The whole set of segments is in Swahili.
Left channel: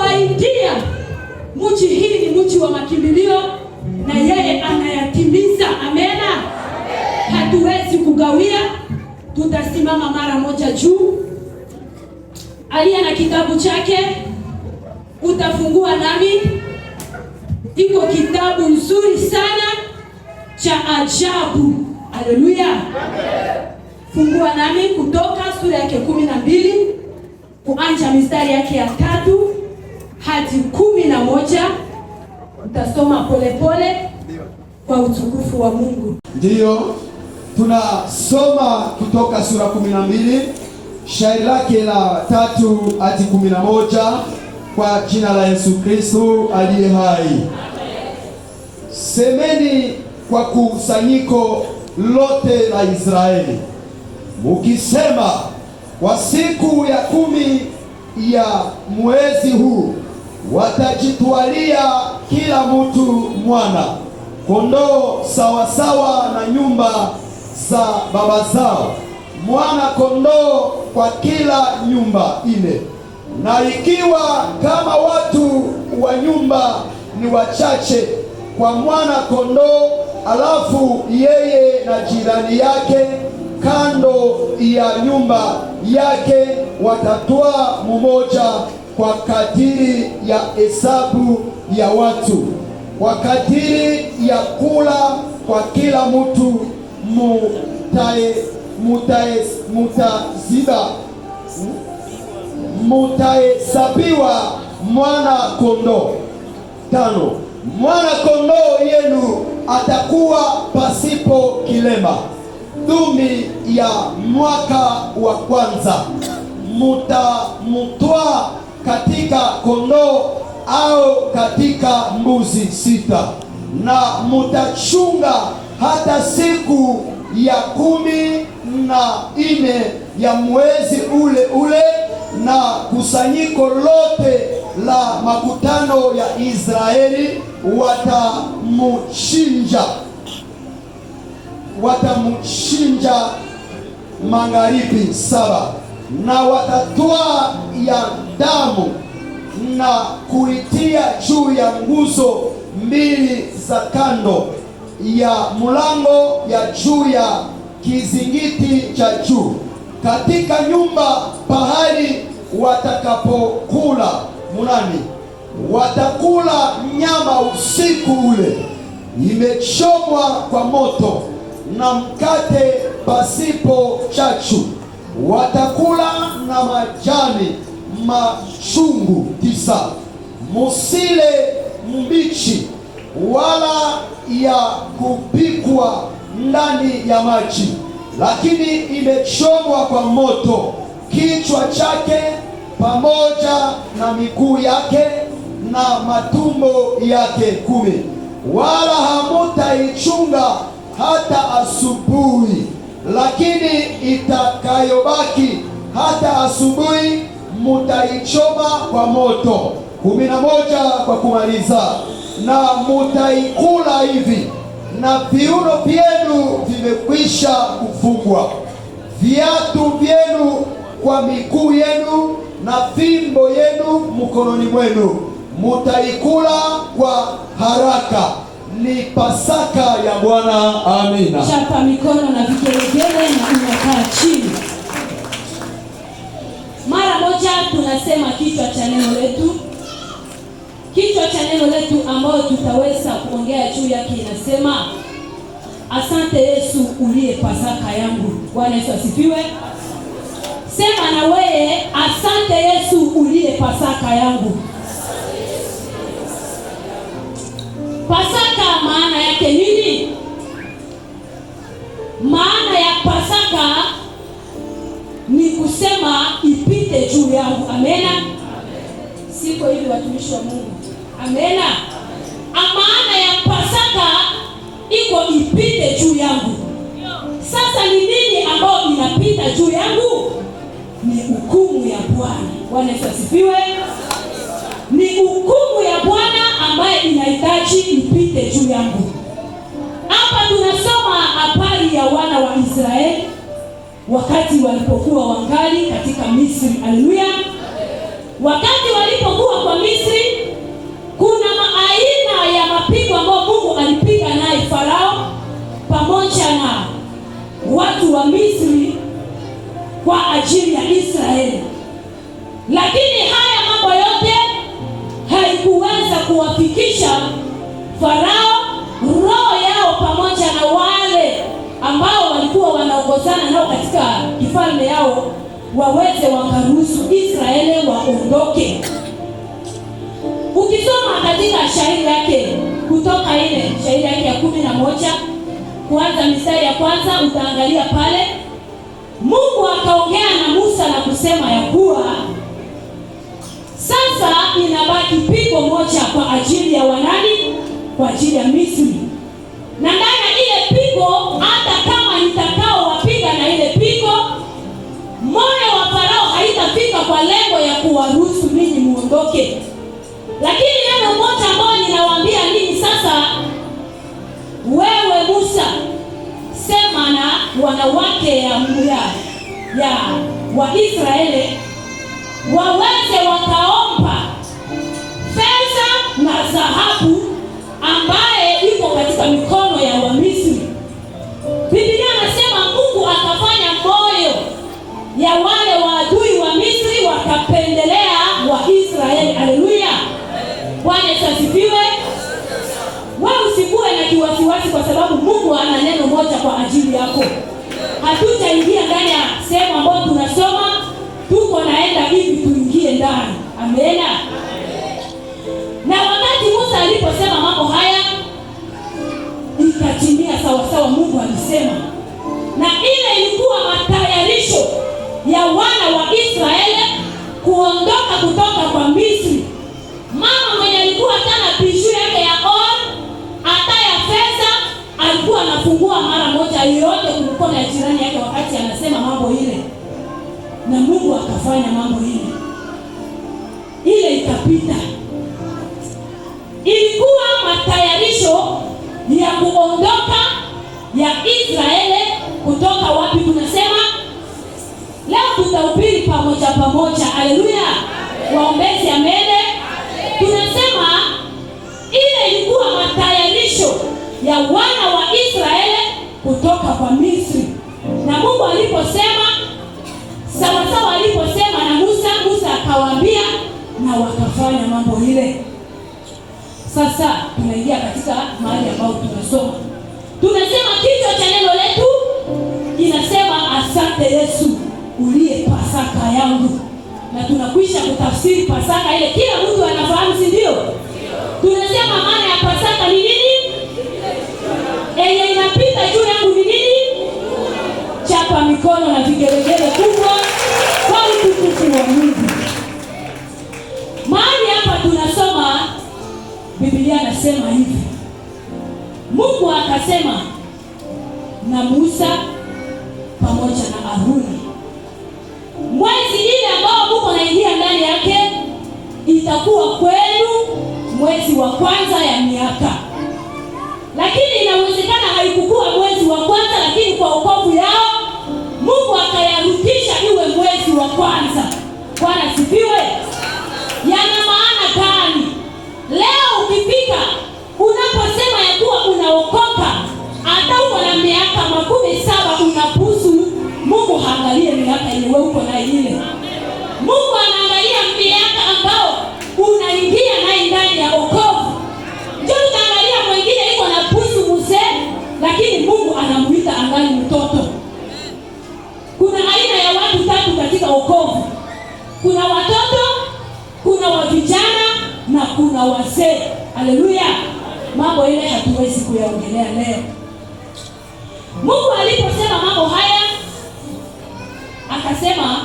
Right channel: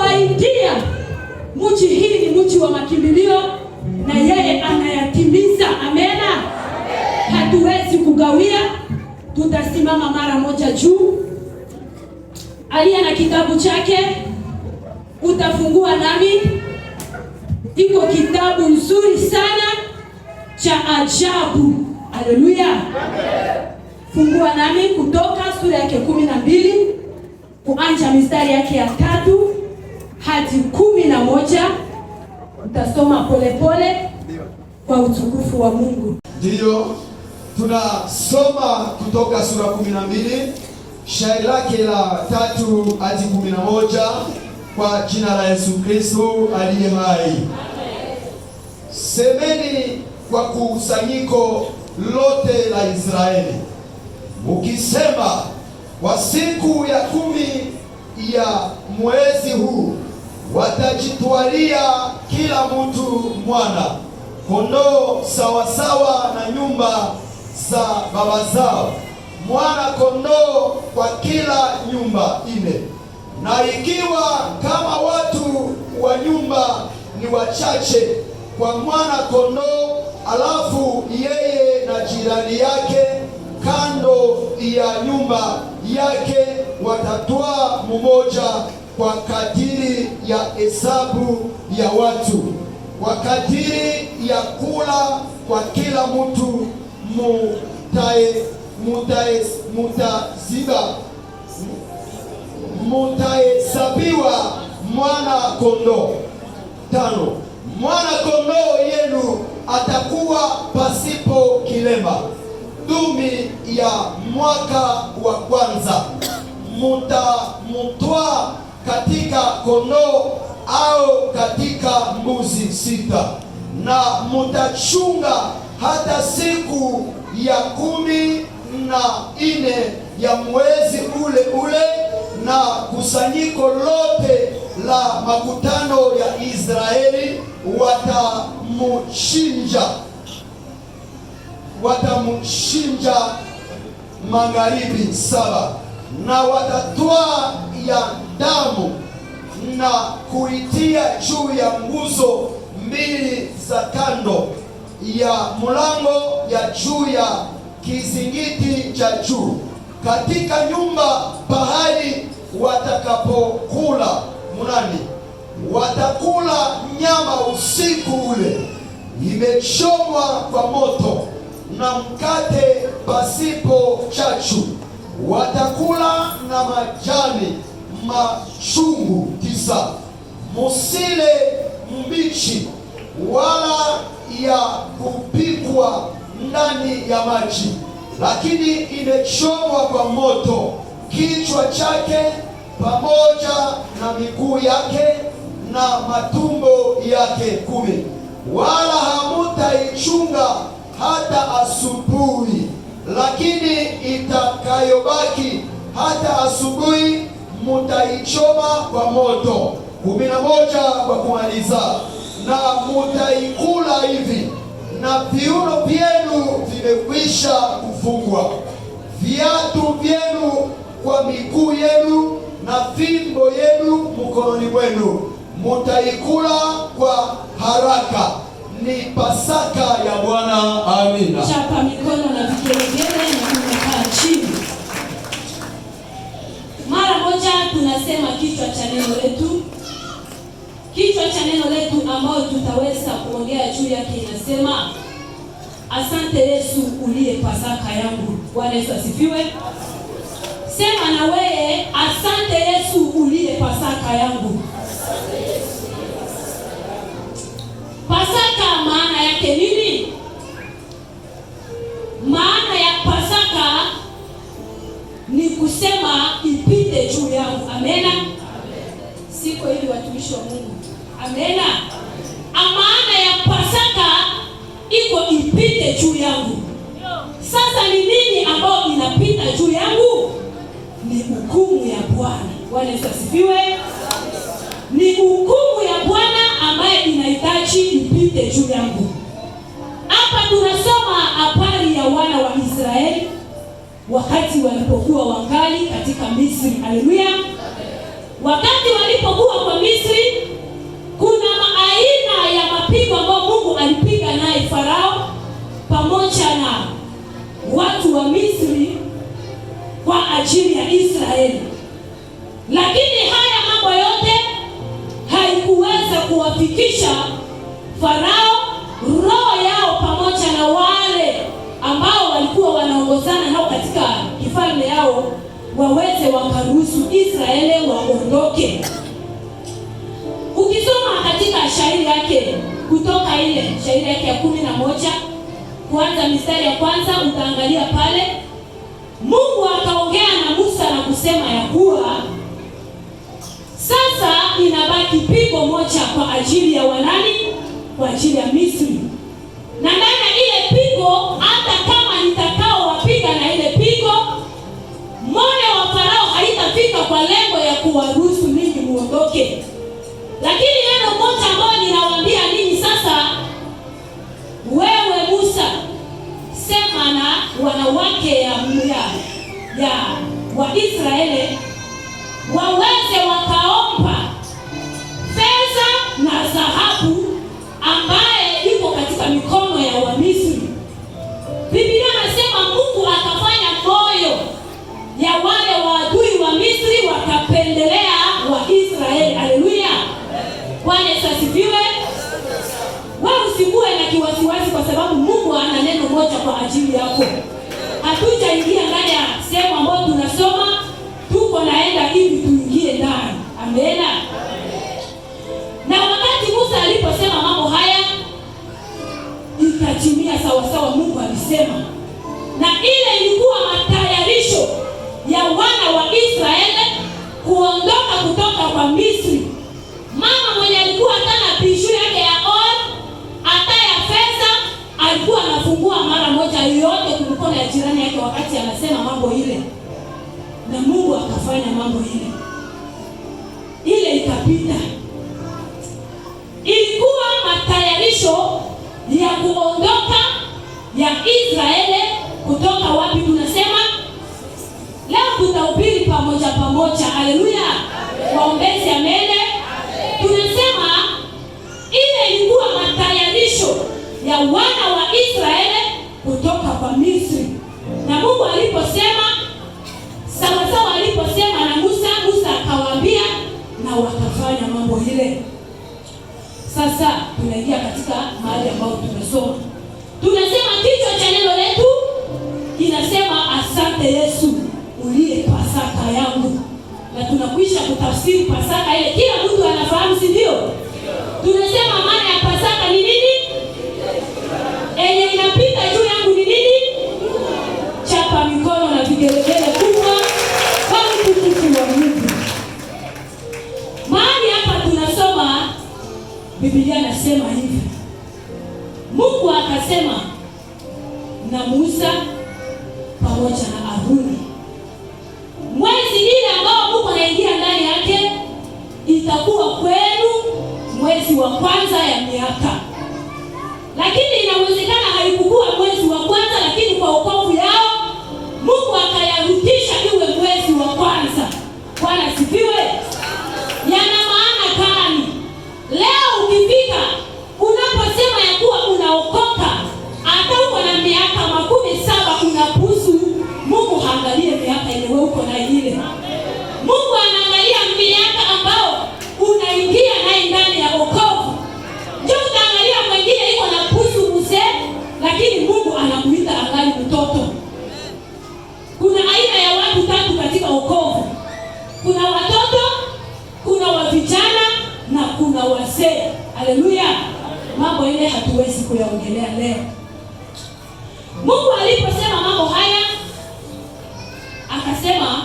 alituahidia mji hii ni mji wa makimbilio, na yeye anayatimiza. Amena. Hatuwezi kugawia, tutasimama mara moja juu. Aliye na kitabu chake utafungua nami. Iko kitabu nzuri sana cha ajabu. Haleluya. Fungua nami Kutoka sura yake 12 kuanza mistari yake ya 3 hadi 11. Utasoma polepole kwa utukufu wa Mungu. Ndiyo, tunasoma Kutoka sura 12 shairi lake la 3 hadi 11 kwa jina la Yesu Kristo aliye hai. Semeni kwa kusanyiko lote la Israeli, mukisema, kwa siku ya 10 ya mwezi huu watajitwalia kila mtu mwana kondoo sawasawa na nyumba za baba zao, mwana kondoo kwa kila nyumba 4. Na ikiwa kama watu wa nyumba ni wachache, kwa mwana kondoo, alafu yeye na jirani yake kando ya nyumba yake watatwaa mmoja kwa kadiri ya hesabu ya watu, kwa kadiri ya kula kwa kila mtu mutahesabiwa mwana kondoo. 5. Mwana kondoo yenu atakuwa pasipo kilema. Dumi ya mwaka wa kwanza mutamutwaa katika kondoo au katika mbuzi 6, na mutachunga hata siku ya 14 ya mwezi ule ule, na kusanyiko lote la makutano ya Israeli watamuchinja magharibi 7, na watatwaa ya damu na kuitia juu ya nguzo 2 za kando ya mlango ya juu ya kizingiti cha juu, katika nyumba pahali watakapokula mlani. Watakula nyama usiku ule imechomwa kwa moto, na mkate pasipo chachu. Watakula na majani machungu 9. Musile mbichi wala ya kupikwa ndani ya maji, lakini imechomwa kwa moto, kichwa chake pamoja na miguu yake na matumbo yake 10. Wala hamutaichunga hata asubuhi, lakini itakayobaki hata asubuhi mutaichoma kwa moto. 11 kwa kumaliza, na mutaikula hivi, na viuno vyenu vimekwisha kufungwa, viatu vyenu kwa miguu yenu, na fimbo yenu mkononi mwenu. Mutaikula kwa haraka. Ni Pasaka ya Bwana. Amina. Chapa mikono na vigelegele na umekaa chini. Mara moja tunasema kichwa cha neno letu. Kichwa cha neno letu ambao tutaweza kuongea juu yake inasema, asante Yesu uliye Pasaka yangu. Bwana Yesu asifiwe. Sema na wewe, asante Yesu uliye Pasaka yangu. Pasaka maana yake nini? Maana ya Pasaka ni kusema ipite juu yangu. Amena. Siko hivi watumishi wa Mungu. Amena. Maana ya Pasaka iko ipite juu yangu. Sasa ni nini ambao inapita juu yangu? Ni hukumu ya Bwana. Bwana Yesu asifiwe. Ni hukumu ya Bwana ambaye inahitaji ipite juu yangu. Hapa tunasoma habari ya wana wa Israeli wakati walipokuwa wangali katika Misri. Haleluya. Wakati walipokuwa kwa Misri Farao roho yao pamoja na wale ambao walikuwa wanaongozana nao katika kifalme yao waweze wakaruhusu Israeli waondoke. Ukisoma katika shairi yake Kutoka ile shairi yake ya 11 kuanza mistari ya kwanza, utaangalia pale Mungu akaongea na Musa na kusema ya kuwa sasa inabaki pigo moja kwa ajili ya wanani, kwa ajili ya Misri. Na ndani ile pigo, hata kama nitakao wapiga na ile pigo, moyo wa Farao haitafika kwa lengo ya kuwaruhusu ninyi muondoke. Lakini neno moja ambalo ninawaambia ninyi sasa, wewe Musa, sema na wanawake ya Waisraeli waweze wakaomba fedha na dhahabu ambaye iko katika mikono ya Wamisri. Biblia anasema Mungu akafanya moyo ya wale waadui wa Misri wakapendelea Waisraeli. Haleluya. Bwana asifiwe. Wewe usikuwe na kiwasiwasi kwa sababu Mungu ana neno moja kwa ajili yako. Hatujaingia ndani ya sehemu ambayo tunasoma, tuko naenda hivi tuingie ndani. Amena. Na wakati Musa aliposema mambo haya, ikatimia sawa sawa Mungu alisema. Na ile ilikuwa matayarisho ya wana wa Israeli kuondoka kutoka kwa Misri. Mama mwenye alikuwa tana pishu yake ya hata ya fedha alikuwa anafungua mara moja yote kulikuwa na jirani yake wakati anasema mambo ile. Na Mungu akafanya mambo ile. Ile ikapita. Ilikuwa matayarisho ya kuondoka ya Israeli kutoka wapi tunasema? Leo tutahubiri pamoja. Haleluya. Waombezi amene. Tunasema ile ilikuwa matayarisho ya wana wa Israeli kutoka kwa Misri. Na Mungu aliposema sawa aliposema na Musa akawaambia na wakafanya mambo ile. Sasa tunaingia katika mahali ambapo tunasoma. Tunasema kichwa cha neno letu inasema asante Yesu uliye Pasaka yangu. Na tunakwisha kutafsiri Pasaka ile kila mtu anafahamu, si ndio? Tunasema maana ya Pasaka ni nini? Inapita juu yangu ni nini? Chapa mikono na vigelegele kubwa kwa utukufu wa Mungu. Mahali hapa tunasoma Biblia nasema hivi. Mungu akasema na Musa pamoja na Haruni, mwezi ile ambao Mungu anaingia ndani yake itakuwa kwenu mwezi wa kwanza ya miaka. Lakini inawezekana haikukuwa mwezi wa kwanza, lakini kwa wokovu yao Mungu akayarudisha iwe mwezi wa kwanza. Bwana asifiwe. Yana maana gani? Leo ukifika unaposema ya kuwa unaokoka, hata uko na miaka 17 unapusu, Mungu haangalie miaka yenye wewe uko na ile. Mungu anaangalia miaka ambao unaingia naye ndani ya wokovu. Ndio utaangalia mwingine iko na pusu mzee, lakini Mungu anamuita angali mtoto. Kuna aina ya watu tatu katika wokovu. Kuna watoto, kuna wavijana na kuna wazee. Haleluya. Mambo ile hatuwezi kuyaongelea leo. Mungu aliposema mambo haya akasema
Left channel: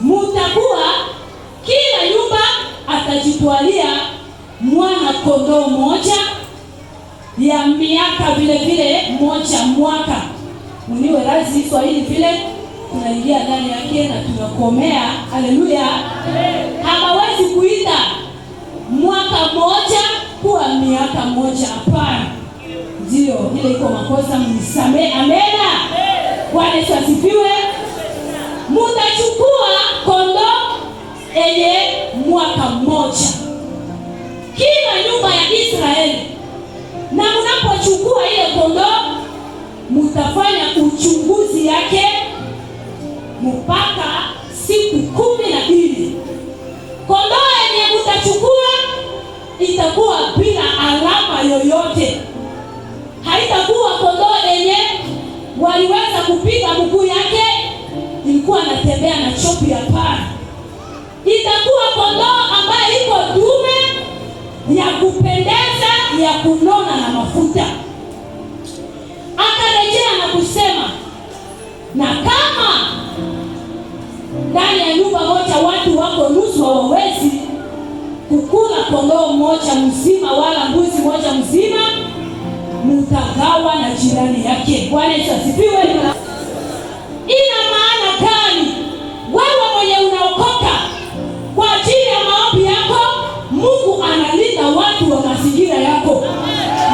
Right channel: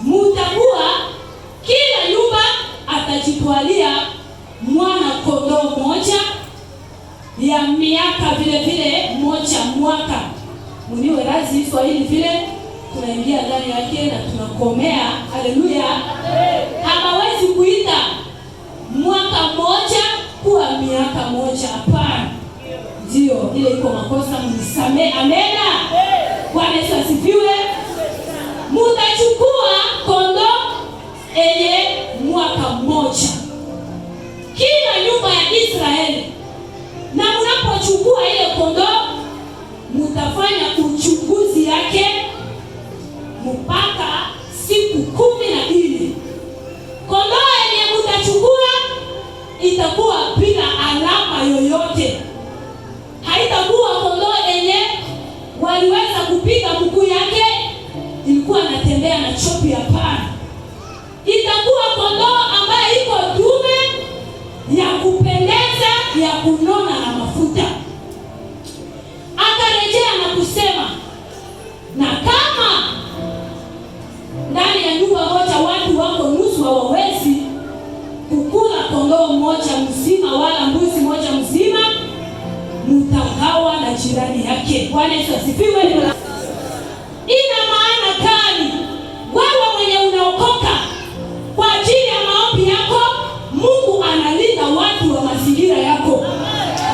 mutakuwa kila nyumba atajitwalia mwana kondoo moja ya miaka vile moja mwaka. Mniwe razi Swahili vile tunaingia ndani yake na tunakomea. Haleluya. Hawezi kuita mwaka moja kuwa miaka moja, hapana. Ndio ile iko makosa, mnisamee. Amena. Bwana asifiwe. Mutachukua kondoo yenye mwaka mmoja kila nyumba ya Israeli, na mnapochukua ile kondoo mutafanya uchunguzi yake mpaka siku 12. Kondoo yenye mutachukua itakuwa bila alama yoyote. Haitakuwa kondoo yenye waliweza kupiga mguu yake ilikuwa anatembea na chopi ya paa. Itakuwa kondoo ambaye iko dume ya kupendeza, ya kunona na mafuta. Akarejea na kusema, na kama ndani ya nyumba moja watu wako nusu hawawezi kukula kondoo mmoja mzima wala mbuzi mmoja mzima, mtagawa na jirani yake. Bwana Yesu asifiwe. Ina maana gani? Wewe mwenye unaokoka, kwa ajili ya maombi yako Mungu analinda watu wa mazingira yako.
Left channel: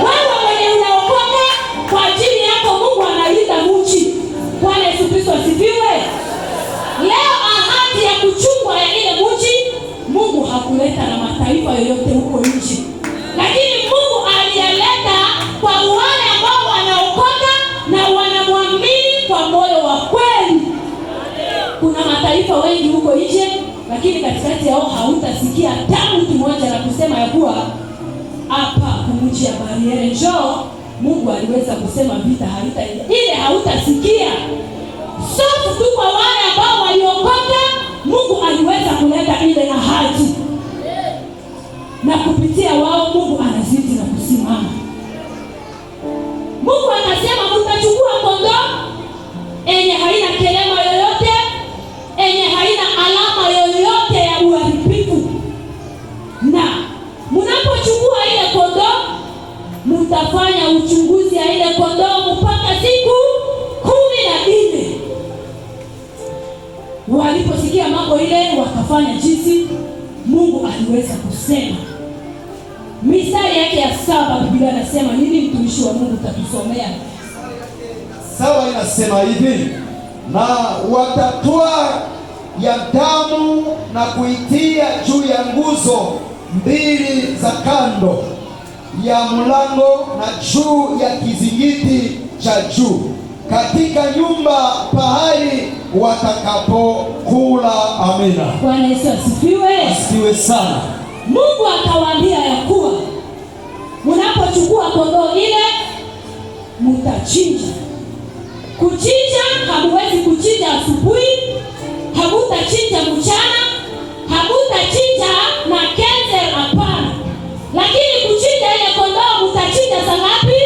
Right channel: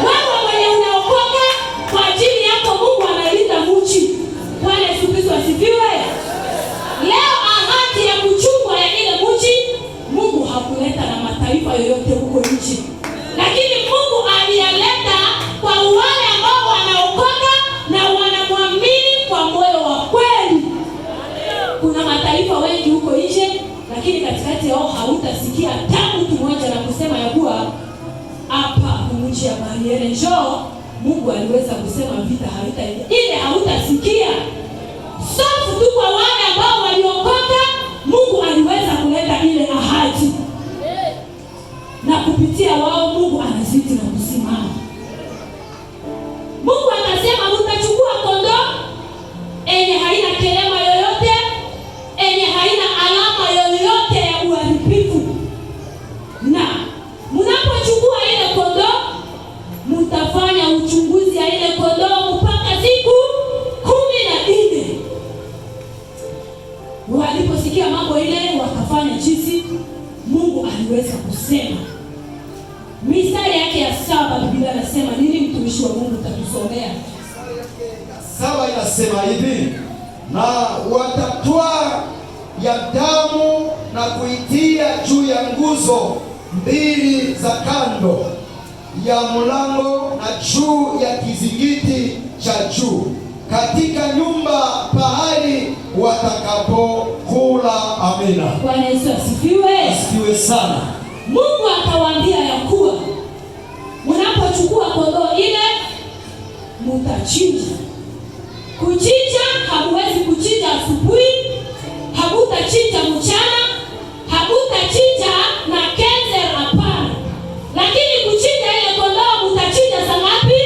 Wewe mwenye unaokoka, kwa ajili yako Mungu analinda mji. Bwana Yesu asifiwe. Leo ahadi ya kuchungwa ya ile mji Mungu hakuleta na mataifa yoyote huko nchi, lakini Mungu aliyeleta kwa wale ambao wanaokoka na wanamwamini kwa moyo wa kweli. Kuna mataifa wengi huko nje, lakini katikati yao hautasikia tangu kimoja na kusema ya kuwa hapa mji ya Bariere njoo. Mungu aliweza kusema vita halitaenda, ile hautasikia. Sofu tu kwa wale ambao waliokoka, Mungu aliweza kuleta ile ahadi, na kupitia wao Mungu anazidi na kusimama. Mungu anasema mtachukua kondoo enye haina kelema yoyote, enye haina alama yoyote ya uharibifu, na mnapochukua ile kondoo mtafanya uchunguzi ya ile kondoo mpaka siku 14. Waliposikia mambo ile wakafanya jinsi Mungu aliweza kusema. Mistari yake ya 7 Biblia inasema nini? Mtumishi wa Mungu tatusomea. 7 inasema hivi, na watatoa ya damu na kuitia juu ya nguzo mbili za kando ya mlango na juu ya kizingiti cha juu katika nyumba pahali watakapokula. Amina. Bwana Yesu asifiwe. Asifiwe sana. Mungu akawaambia ya kuwa mnapochukua kondoo ile mtachinja. Kuchinja hamuwezi kuchinja asubuhi, hamutachinja mchana, hamutachinja na kenze, hapana. Lakini kuchinja ile kondoo mtachinja saa ngapi?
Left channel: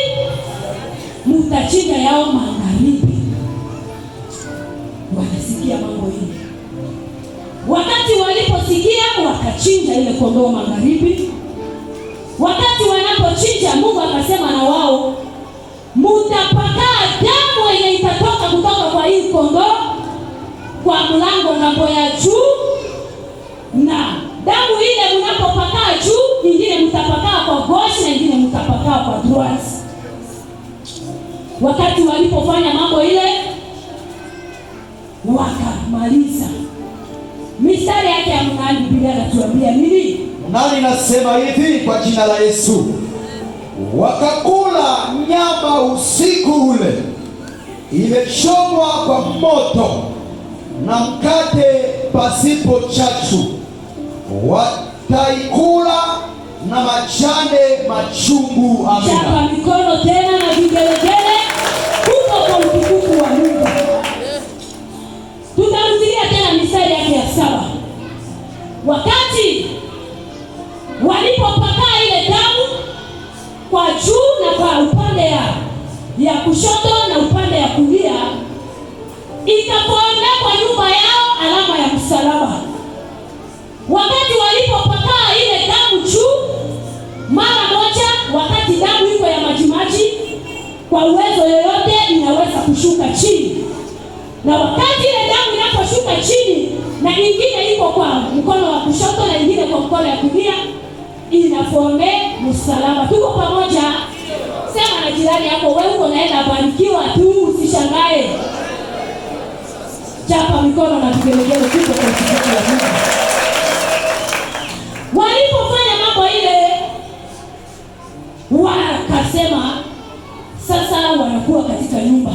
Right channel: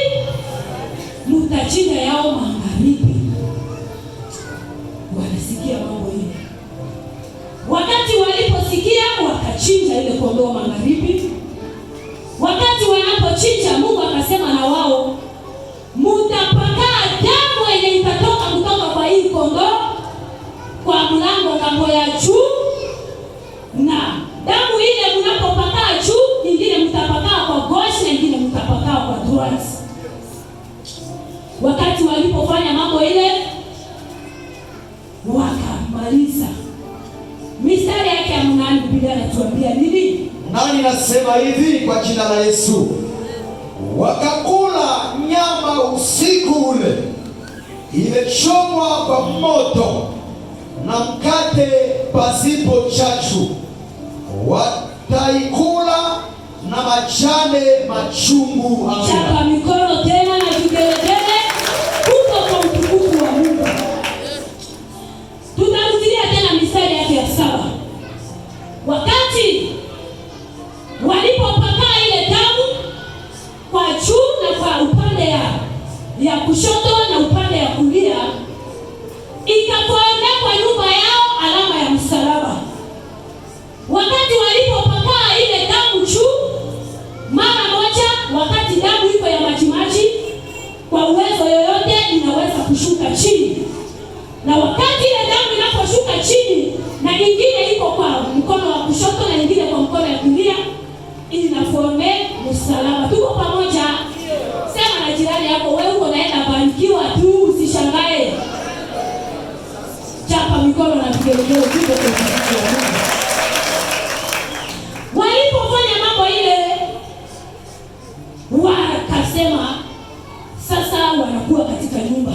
Mtachinja yao magharibi. Wanasikia mambo hili. Wakati waliposikia wakachinja ile kondoo magharibi. Wakati wanapochinja, Mungu akasema na wao, mutapakaa damu yenye itatoka kutoka kwa hii kondoo kwa mlango ngambo ya juu, na damu ile mnapopakaa juu, ingine mtapakaa kwa gauche na ingine mtapakaa kwa droite. Wakati walipofanya mambo ile wakamaliza. Mistari yake ya 8 Biblia inatuambia nini? Nani nasema hivi kwa jina la Yesu. Wakakula nyama usiku ule imechomwa kwa moto na mkate pasipo chachu, wataikula na majane machungu. Amina. Chapa mikono tena na vigelegele huko kwa utukufu wa Mungu. Tutarudia tena mistari yake ya 7. Wakati walipopakaa ile damu kwa juu na kwa upande ya kushoto na upande ya kulia, ikakuwekwa nyuma yao alama ya msalaba. Wakati walipopakaa ile damu juu, mara moja, wakati damu iko ya majimaji, kwa uwezo yoyote inaweza kushuka chini. Na wakati ile damu inaposhuka chini na nyingine iko kwa mkono wa kushoto na nyingine kwa mkono ya kulia, inafome msalaba. Tuko pamoja? Sema na jirani yako, wewe unaenda barikiwa tu, usishangae. Chapa mikono na vigelegele tuko kwa Mungu. Walipofanya mambo ile, wakasema sasa wanakuwa katika nyumba.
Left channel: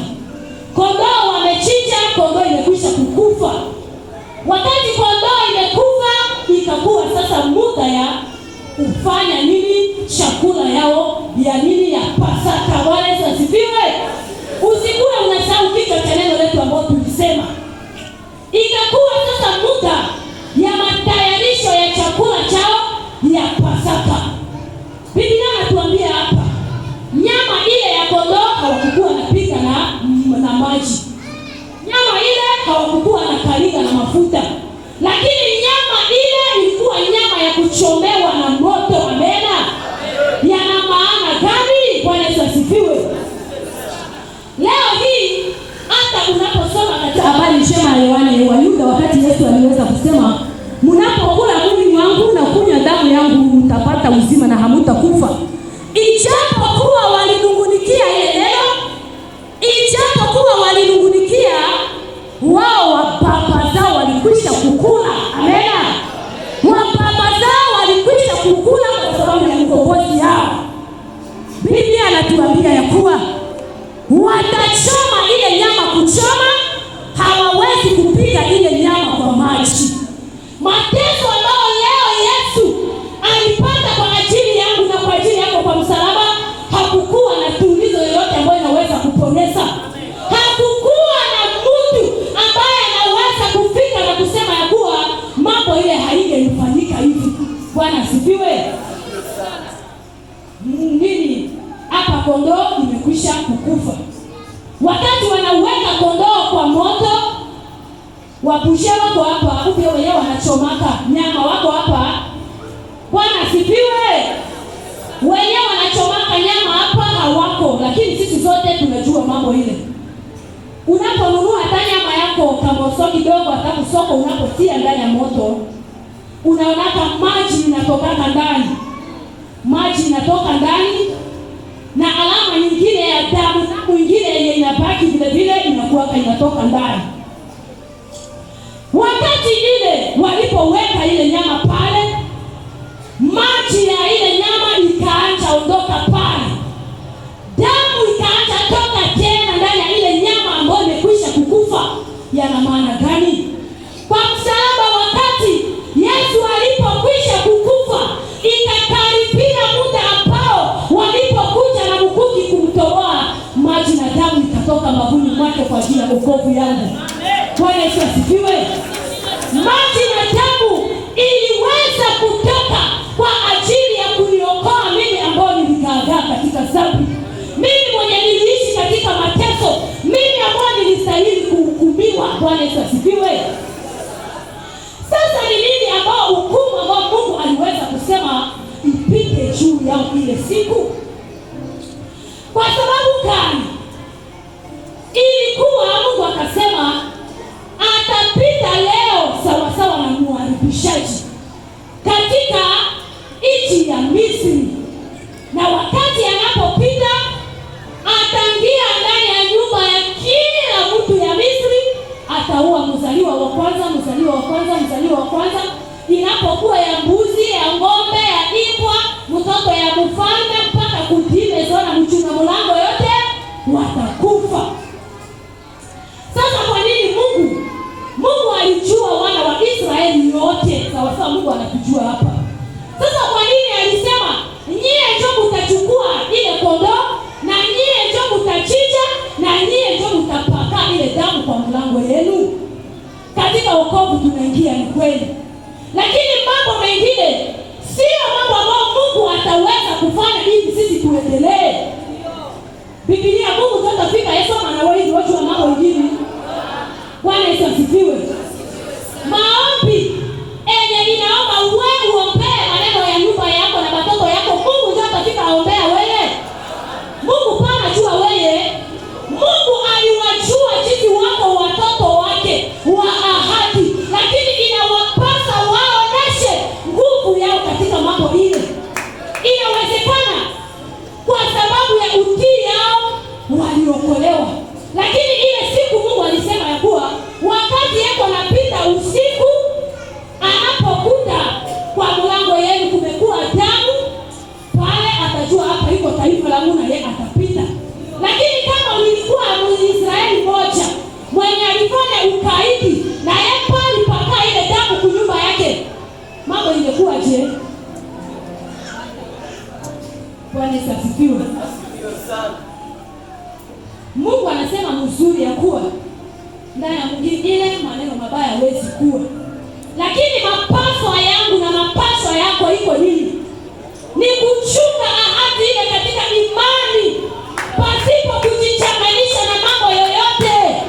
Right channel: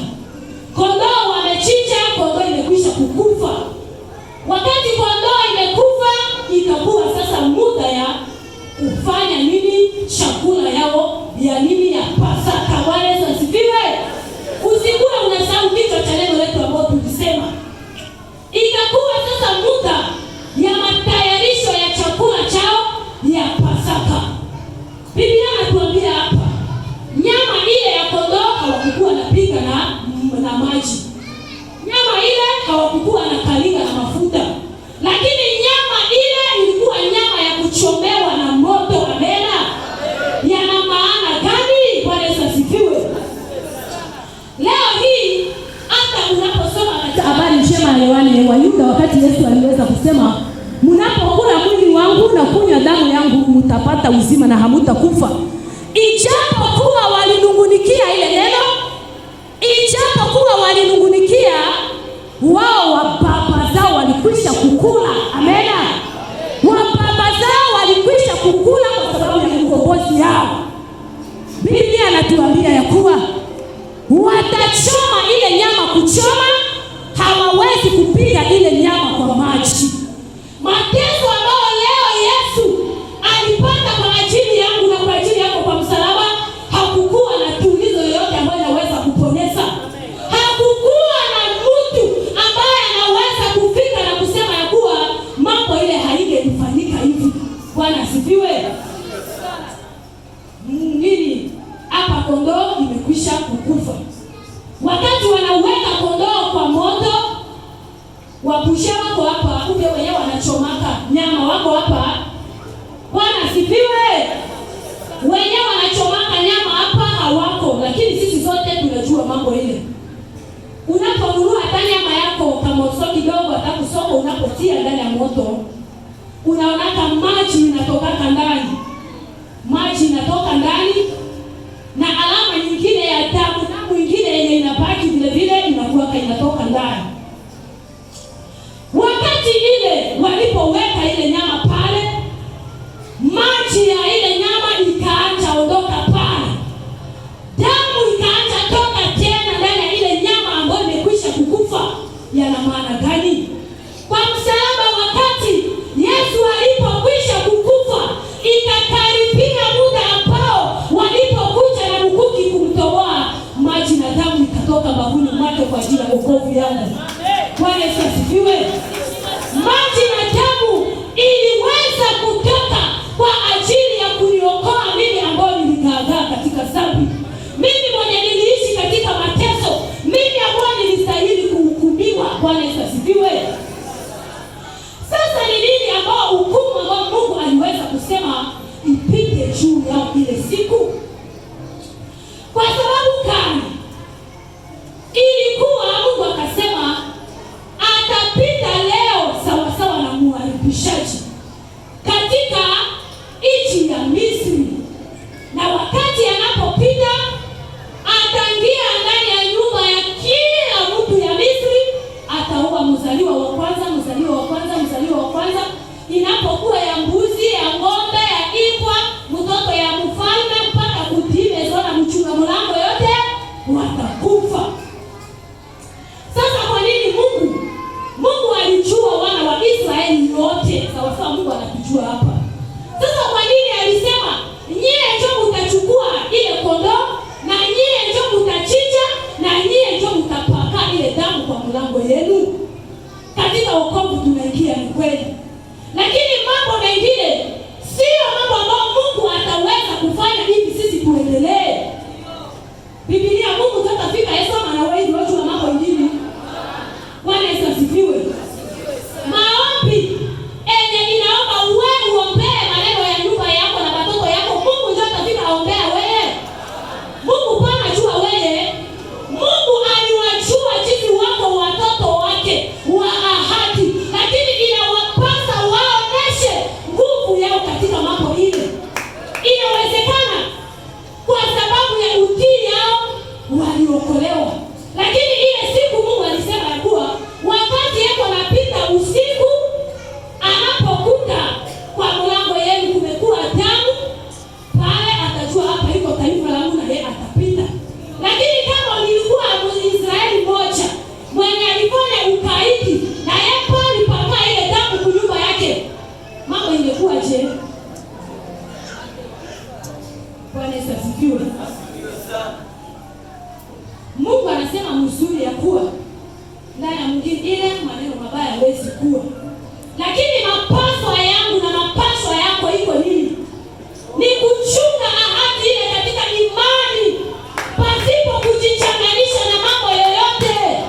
Kondoo wamechinja, kondoo imekwisha kukufa. Wakati kondoo imekufa, ikakuwa sasa muda ya kufanya nini? Chakula yao ya nini? Ya Pasaka. Bwana Yesu asifiwe. Usikue unasahau kichwa cha neno letu ambao tulisema. Ikakuwa sasa muda ya matayarisho ya chakula chao ya Pasaka. Biblia inatuambia hapa, nyama ile ya kondoo hawakuwa wanapika na maji. Nyama ile hawakuwa wanakalinga na mafuta. Lakini nyama ile ilikuwa nyama ya kuchomewa na moto. Amena. Yana maana gani? Bwana Yesu asifiwe. Leo hii hata unaposoma katika habari njema ya Yohana, Wayuda wakati Yesu aliweza kusema, mnapokula mwili wangu na kunywa damu yangu mtapata uzima na hamtakufa. Ijapokuwa walinungunikia ile neno, ijapokuwa walinungunikia, wao baba zao walikwisha kukula. Amena. Baba zao walikwisha kukula kwa sababu ya ukombozi yao. Biblia inatuambia ya kuwa watachoma ile nyama. Kuchoma, hawawezi kupiga ile nyama kwa maji. Mateso ambayo leo Yesu alipata kwa ajili yangu na kwa ajili yako kwa msalaba, hakukuwa na tulizo yoyote ambayo inaweza kuponesa. Hakukuwa na mtu ambaye anaweza kufika na kusema ya kuwa mambo ile haingefanyika hivi. Bwana asifiwe. Nini? Hapa kondoo imekwisha kukufa. Wakati wanauweka kondoo kwa moto, wapusha wako hapa, ule wenyewe wanachomaka nyama wako hapa. Bwana asifiwe. Wenyewe wanachomaka nyama hapa hawako, lakini sisi zote tunajua mambo ile. Unaponunua hata nyama yako kama soko kidogo, hata soko unapotia ndani ya moto, unaona maji inatoka ndani. Maji inatoka ndani na alama nyingine ya damu na nyingine yenye inabaki vile vile inakuwa inatoka ndani. Wakati ile walipoweka ile nyama pale, maji ya ile nyama ikaacha ondoka pale. Damu ikaacha toka tena ndani ya ile nyama ambayo imekwisha kukufa. Yana maana gani? Kwa msalaba, wakati Yesu alipokwisha kukufa, ikakaribia muda ambao walipokuja na mkuki kumtoboa, maji na damu ikatoka mbavuni mwake kwa ajili ya wokovu yangu. Bwana Yesu asifiwe. Maji na damu iliweza kutoka kwa ajili ya kuniokoa mimi ambao niligaagaa katika dhambi. Mimi mwenye niliishi katika mateso. Mimi ambao nilistahili kuhukumiwa. Bwana Yesu asifiwe. Sasa ni nini ambao hukumu ambao Mungu aliweza kusema ipite juu ya ile siku? Kwa sababu gani? Ilikuwa Mungu akasema atapita leo sawasawa na muharibishaji katika nchi ya Misri, na wakati anapopita ataingia ndani ya nyumba ya kila mtu ya Misri, ataua mzaliwa wa kwanza, mzaliwa wa kwanza, mzaliwa wa kwanza. Inapokuwa ya mbuzi, ya ng'ombe, ya imbwa, mtoto ya mfalme Bwana asifiwe. Mungu anasema mzuri ya kuwa ndani ya mwingine maneno mabaya hawezi kuwa. Lakini mapaswa yangu na mapaswa yako iko nini? Ni kuchunga ahadi ile katika imani pasipo kujichanganyisha na mambo yoyote.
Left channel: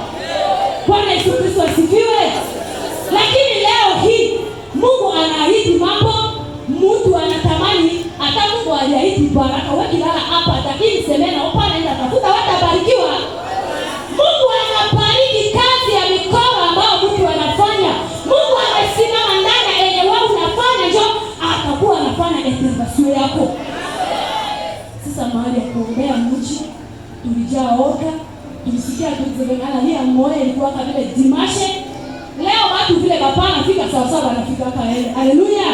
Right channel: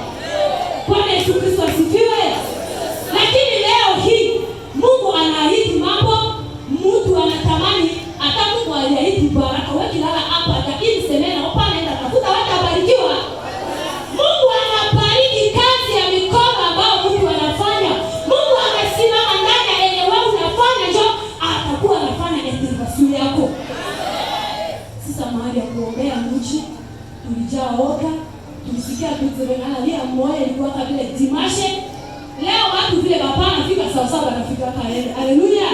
Bwana Yesu Kristo asifiwe. Lakini leo hii Mungu anaahidi mambo, mtu anatamani hata Mungu aliahidi baraka wakilala hapa lakini semena hapa naenda tafuta watabarikiwa. Mungu anabariki kazi ya mikono ambayo Mungu anafanya. Mungu anasimama ndani ya yenye wewe unafanya ndio atakuwa anafanya intervention yako. Sasa mahali ya kuombea mji tulijaa oka, tulisikia tulizengana lia moyo ilikuwa kama vile dimashe. Leo watu vile baba anafika sawa sawa anafika kaenda. Haleluya.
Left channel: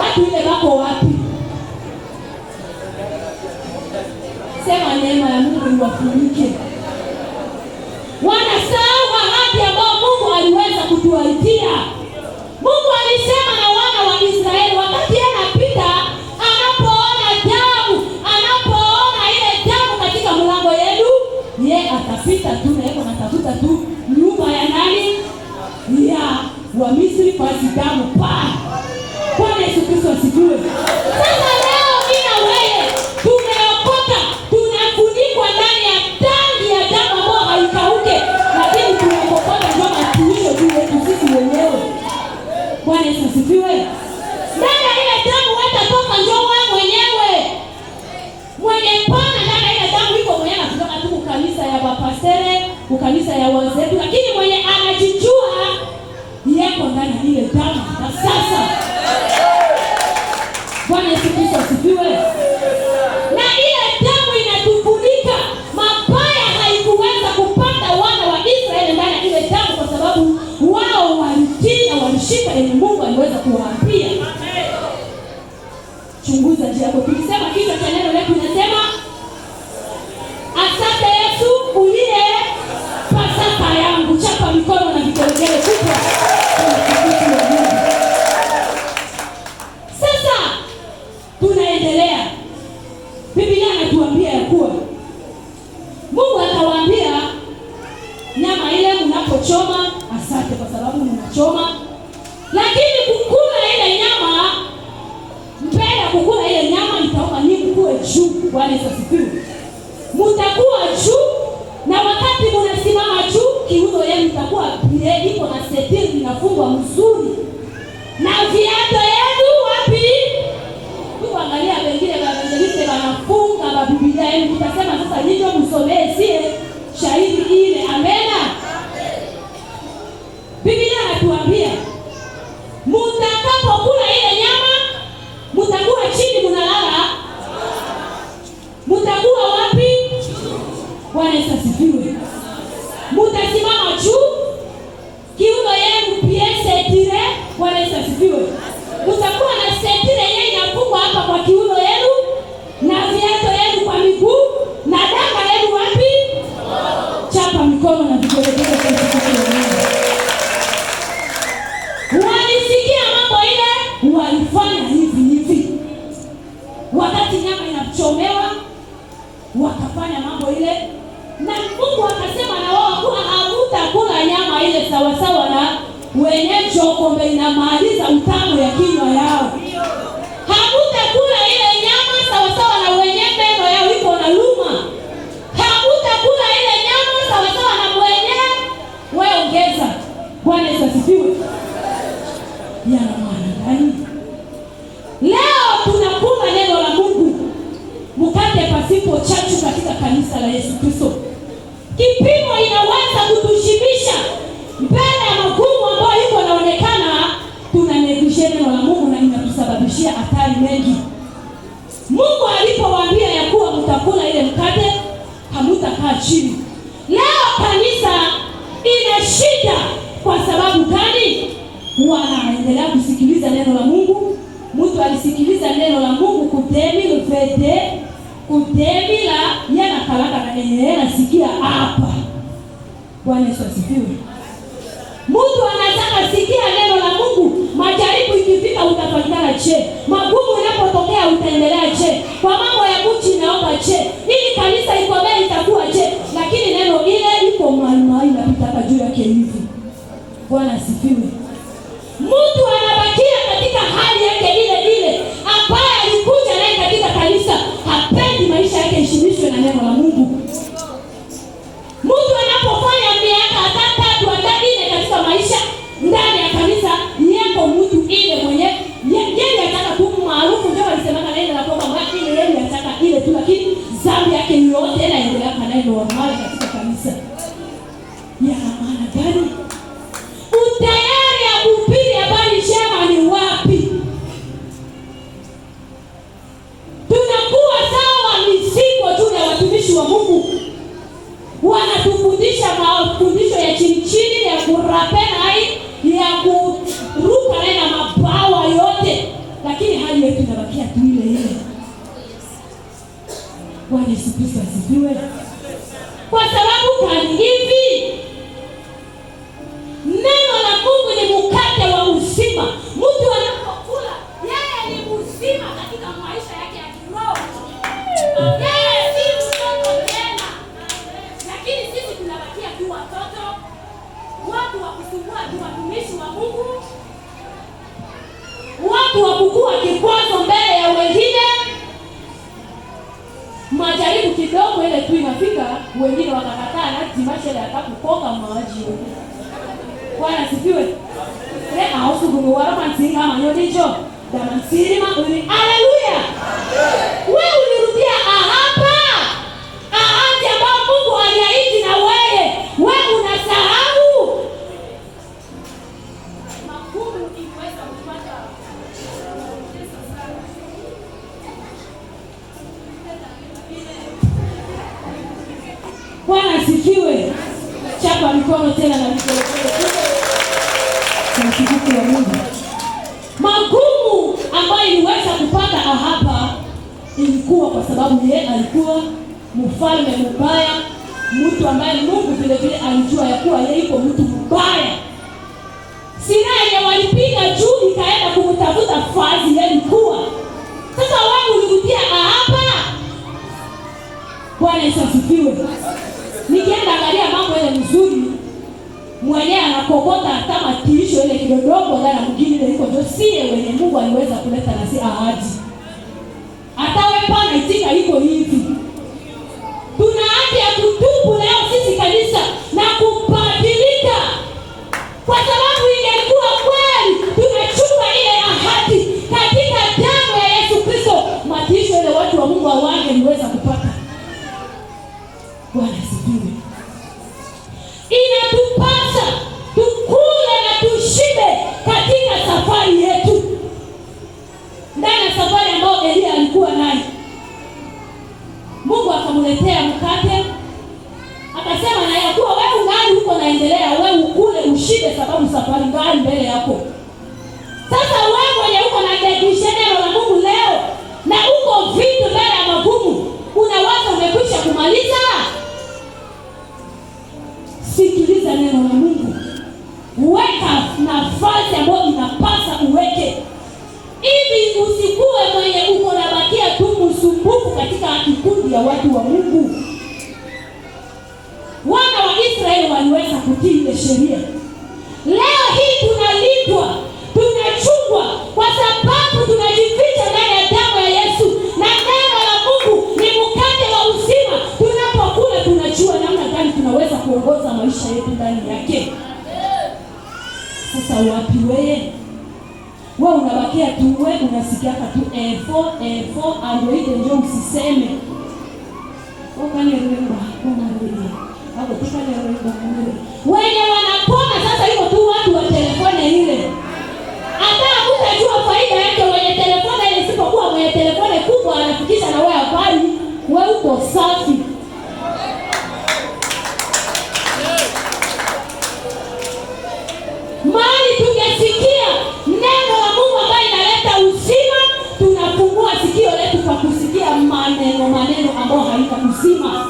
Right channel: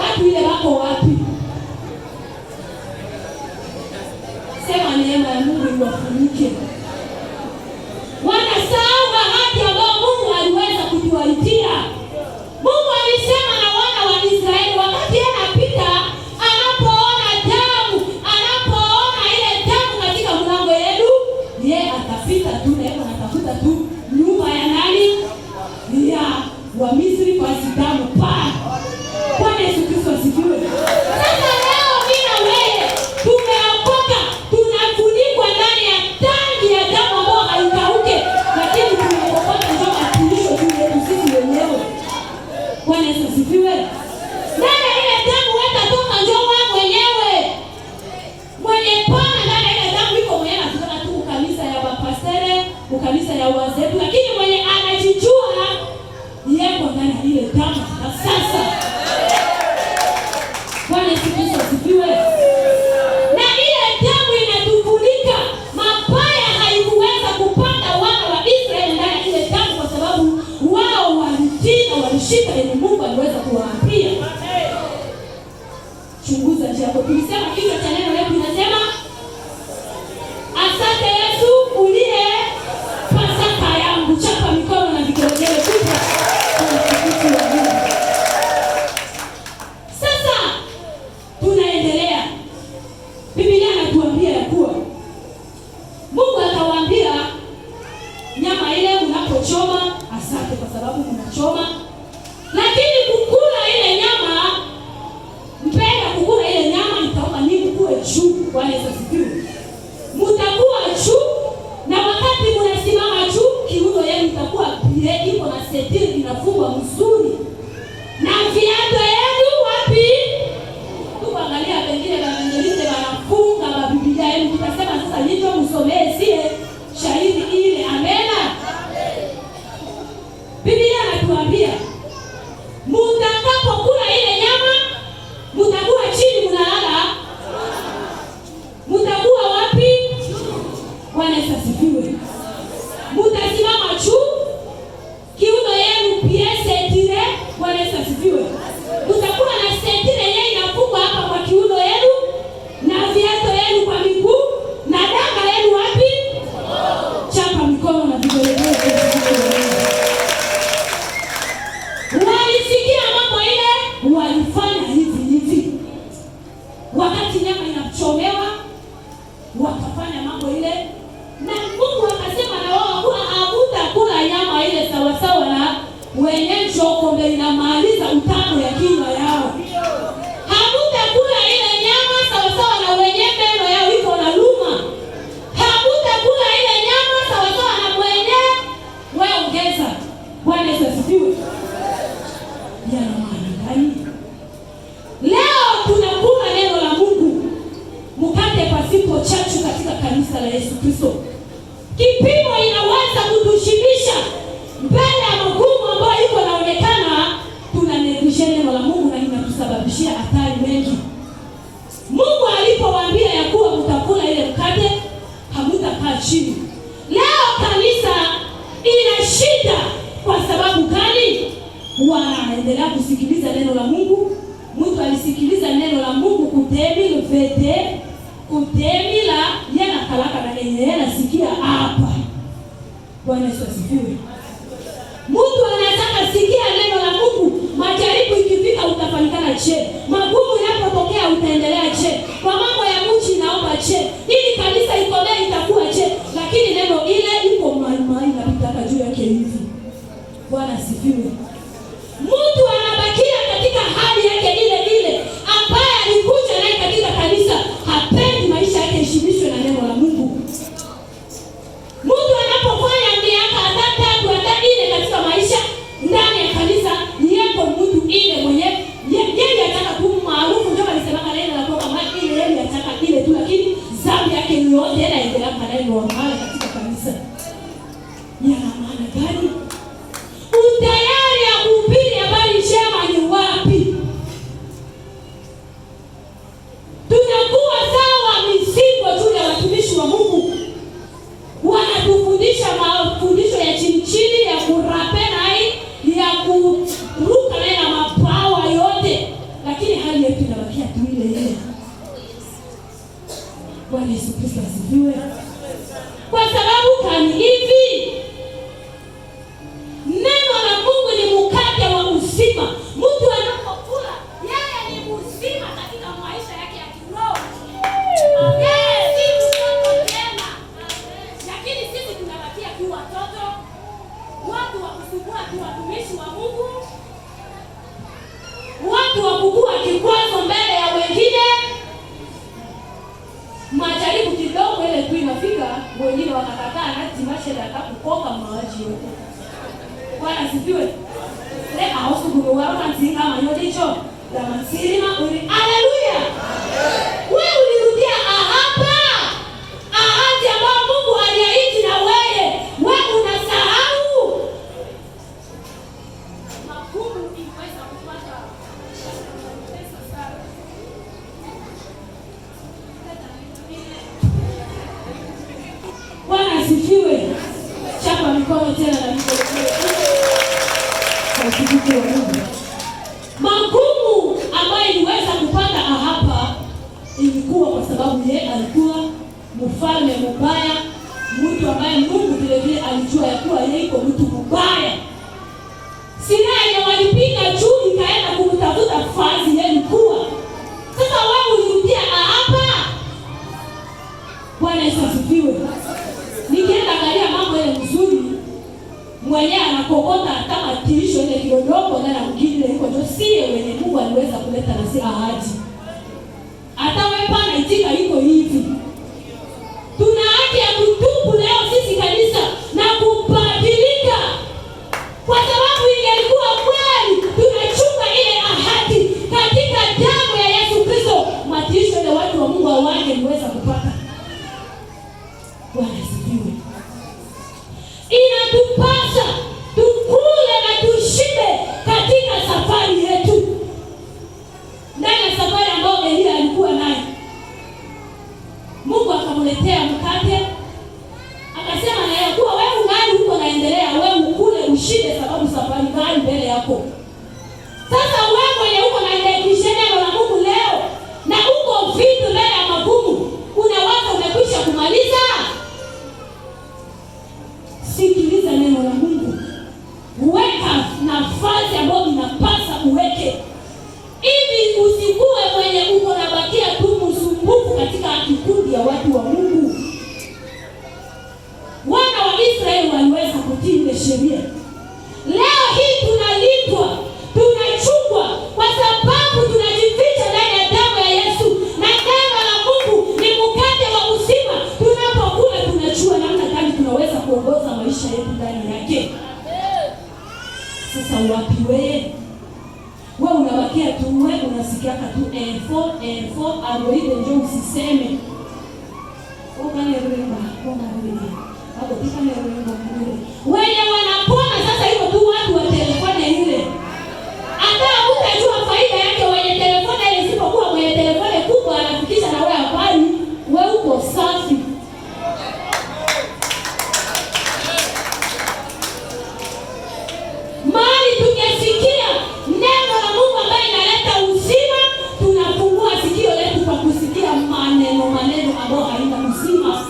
Watu ile wako wapi? Sema neema ya Mungu iwafunike. Wanasahau ahadi ambayo Mungu aliweza kutuahidia. Mungu alisema na wana wa Israeli wakati anapita, anapoona damu, anapoona ile damu katika mlango wenu, yeye atapita tu na yeye anatafuta tu nyumba ya nani? Ya wa Misri pasi damu pa. Bwana Yesu Kristo asifiwe. Sasa leo mimi na wewe tumeokoka, tunafunikwa ndani ya tangi ya damu ambayo haikauke, lakini tunaokoka ndio matumisho tu sisi wenyewe. Bwana Yesu asifiwe. Ndani ya ile damu hatatoka ndio wewe mwenyewe. Mwenye pana ndani ya ile damu iko mwenyewe anatoka tu kanisa ya bapastere, kanisa ya wazee, lakini mwenye anajijua yeko ndani ya ile damu. Sasa Bwana Yesu Kristo asifiwe. Na ile damu inatufunika. Mabaya haikuweza kupata wana wa Israeli ndani ya ile damu kwa sababu wao walitii na walishika ile Mungu aliweza kuwaambia. Chunguza jambo. Tulisema kichwa cha neno letu linasema asante Yesu uliye Pasaka yangu. Chapa mikono na vigelegele kubwa. Sasa tunaendelea. Biblia inatuambia ya kuwa Mungu akawaambia nyama ile unapochoma asante kwa sababu mnachoma. Lakini kukula ile nyama, mpenda kukula ile nyama itaoka nini kuwe juu. Bwana Yesu asifiwe. Mtakuwa juu na wakati mnasimama juu kiuno yenu itakuwa bile iko na setiri inafungwa mzuri. Na viatu yenu wapi? Tuangalia wengine evangeliste wanafunga wa Biblia yenu tukasema sasa ndio msomee sie shahidi ile. Amena. Biblia inatuambia mtakapokula ile nyama mtakuwa chini mnalala. Mtakuwa wapi? Bwana Yesu asifiwe. Mtasimama juu kiuno yenu pia setire. Bwana Yesu asifiwe. Mtakuwa na setire yenyewe inafungwa hapa kwa kiuno yenu na viatu yenu kwa miguu na danga yenu wapi? Chapa mikono na vigelegele. Walisikia mambo ile, walifanya hivi. Wakati nyama inachomewa wakafanya mambo ile na Mungu akasema na wao kuwa hamutakula nyama ile sawa sawa na wenye chokombe inamaliza utamu ya kinywa yao. Hamutakula ile nyama sawa sawa na wenye meno yao iko na luma. Hamutakula ile nyama sawa sawa na mwenye wewe ongeza. Bwana Yesu asifiwe. Yana maana gani? Leo tunakula neno la Mungu mkate pasipo chachu katika kanisa la Yesu Kristo. Kipimo inaweza kutushibisha mbele ya magumu ambayo yuko naonekana tunanegisha neno la Mungu na inatusababishia hatari mengi. Mungu alipowaambia ya kuwa mtakula ile mkate hamutakaa chini. Leo kanisa ina shida kwa sababu gani? Wanaendelea kusikiliza neno la Mungu. Mtu alisikiliza neno la Mungu kudemi vede kudemi la yana kalaka na yeye anasikia hapa. Bwana Yesu asifiwe. Mtu anataka sikia neno la Mungu, majaribu ikifika utafanyana che. Magumu yanapotokea utaendelea che. Kwa mambo ya inabakia tu ile ile. Bwana Yesu Kristo asifiwe. Kwa sababu kani hivi, neno la Mungu ni mkate wa uzima. Mtu anapokula, yeye ni uzima katika maisha yake ya kiroho. Yeye si mtoto tena. Lakini sisi tunabakia tu watoto, watu wa kusumbua tu watumishi wa Mungu, watu wa kukua kikwazo mbele ya wengine. Majaribu kidogo ile tu inafika, wengine wakakataa na timasha ya kukoka maji yote. Bwana asifiwe. Leo hausugu warama nzinga manyodicho. Kama sirima uli. Haleluya. Wewe ulirudia hapa. Ahadi ambayo Mungu aliahidi na wewe unasahau. Magumu inaweza kupata pesa sana. Bwana asifiwe. Chapa mikono tena na mikono. Kwa Mungu. Magumu ambayo iliweza kupata hapa ilikuwa kwa sababu yeye alikuwa mfalme mbaya, mtu ambaye Mungu vile vile alijua ya kuwa yeye iko mtu mbaya. Silaha yenye walipiga juu ikaenda kumtafuta fazi yeye alikuwa. Sasa wewe ulirudia hapa. Bwana Yesu asifiwe. Nikienda angalia mambo ile mzuri, mwenyewe anakokota kama tisho ile kidogo ndani ya mjini ile iko josie wenye Mungu aliweza kuleta na si ahadi. Hata wewe pana itika iko hivi. Tuna haki ya kutubu leo sisi kanisa na kubadilika. Kwa sababu ingekuwa kweli tumechunga ile ahadi katika damu ya Yesu Kristo, matisho ile watu wa Mungu hawangeweza kupata. Bwana asifiwe. Inatupasa tukule na tushibe katika safari yetu. Ndani ya safari ambayo Elia alikuwa nayo, Mungu akamletea mkate, akasema na ya kuwa wewe nani uko naendelea, wewe ukule ushibe, sababu safari gani mbele yako. Sasa wewe mwenye uko na neno la Mungu leo na uko vitu mbele ya magumu, unawaza umekwisha kumaliza? Sikiliza neno la Mungu. Weka nafasi ambayo inapasa uweke. Ili usikuwe mwenye uko unabakia tu msumbufu katika kikundi ya watu wa Mungu. Wana wa Israeli waliweza kutii ile sheria. Leo hii tunalindwa, tunachungwa kwa sababu tunajificha ndani ya damu ya Yesu, na neno la Mungu ni mkate wa uzima. Tunapokula tunajua namna gani tunaweza kuongoza maisha yetu ndani yake. Sasa wapi wewe? Wewe unabakia tu, wewe unasikia tu L4 alioide ndio usiseme. Ukani remba, unarudi. Hapo tukani remba. Wenye wanapona sasa iko tu watu wa telefoni ile. Hata hutajua faida yake wenye telefoni ile, isipokuwa mwenye telefoni kubwa anafikisha na wewe habari, wewe uko safi. Mali tungesikia neno la Mungu ambaye inaleta uzima, tunafungua sikio letu kwa kusikia maneno ambayo haina uzima.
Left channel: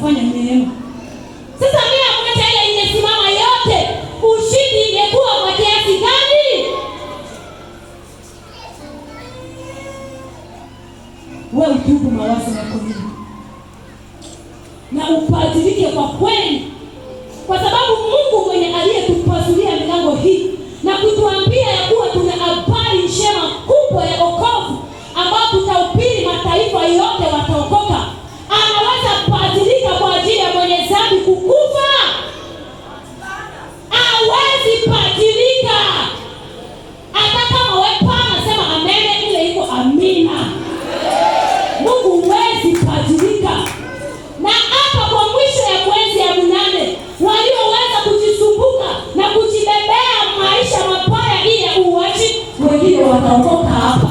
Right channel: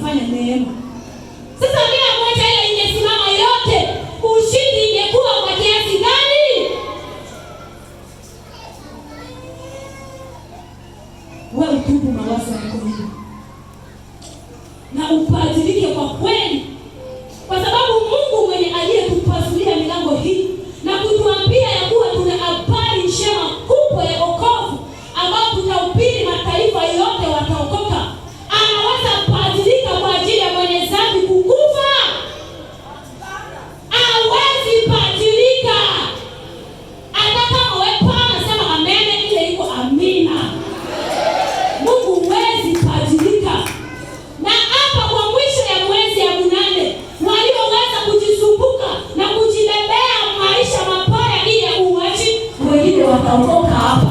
kufanya neema. Sasa bila kuacha ile ingesimama yote, ushindi ingekuwa kwa kiasi gani? Wewe utubu mawazo yako hivi na upadilike kwa kweli, kwa sababu Mungu mwenye aliyetupasulia milango hii na kutuambia ya kuwa tuna habari njema kubwa ya wokovu ambao tutahubiri mataifa yote wataokoka, anaweza kupadilika kwa ajili ya mwenye dhambi kukufa. Hawezi padilika hata kama wewe pana sema amen, ile iko amina. Mungu huwezi padilika. Na hapa kwa mwisho ya mwezi ya 8 walioweza kujisumbuka na kujibebea maisha mabaya ili ya uwaji, wengine wataokoka hapa.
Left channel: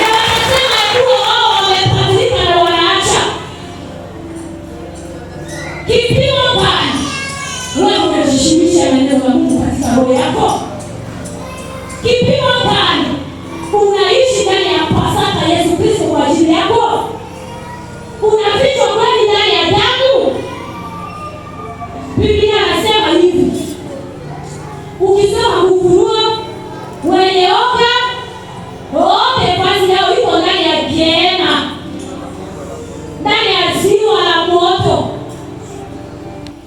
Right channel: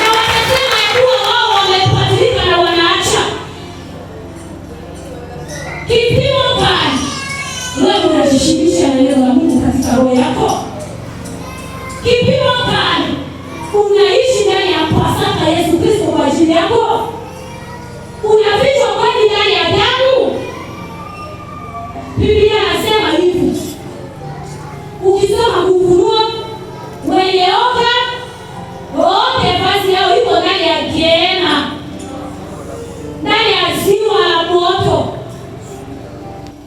Na wanasema ya kuwa wao wamepadilika na wanaacha. Kipimo gani wewe unajishimisha na neno la Mungu katika roho yako? Kipimo gani unaishi ndani ya Pasaka Yesu Kristo kwa ajili yako? Unafichwa kweli ndani ya damu? Biblia anasema hivi, ukisoma Ufunuo, wenye oga wote vazi yao iko ndani ya Gehenna, ndani ya ziwa la moto.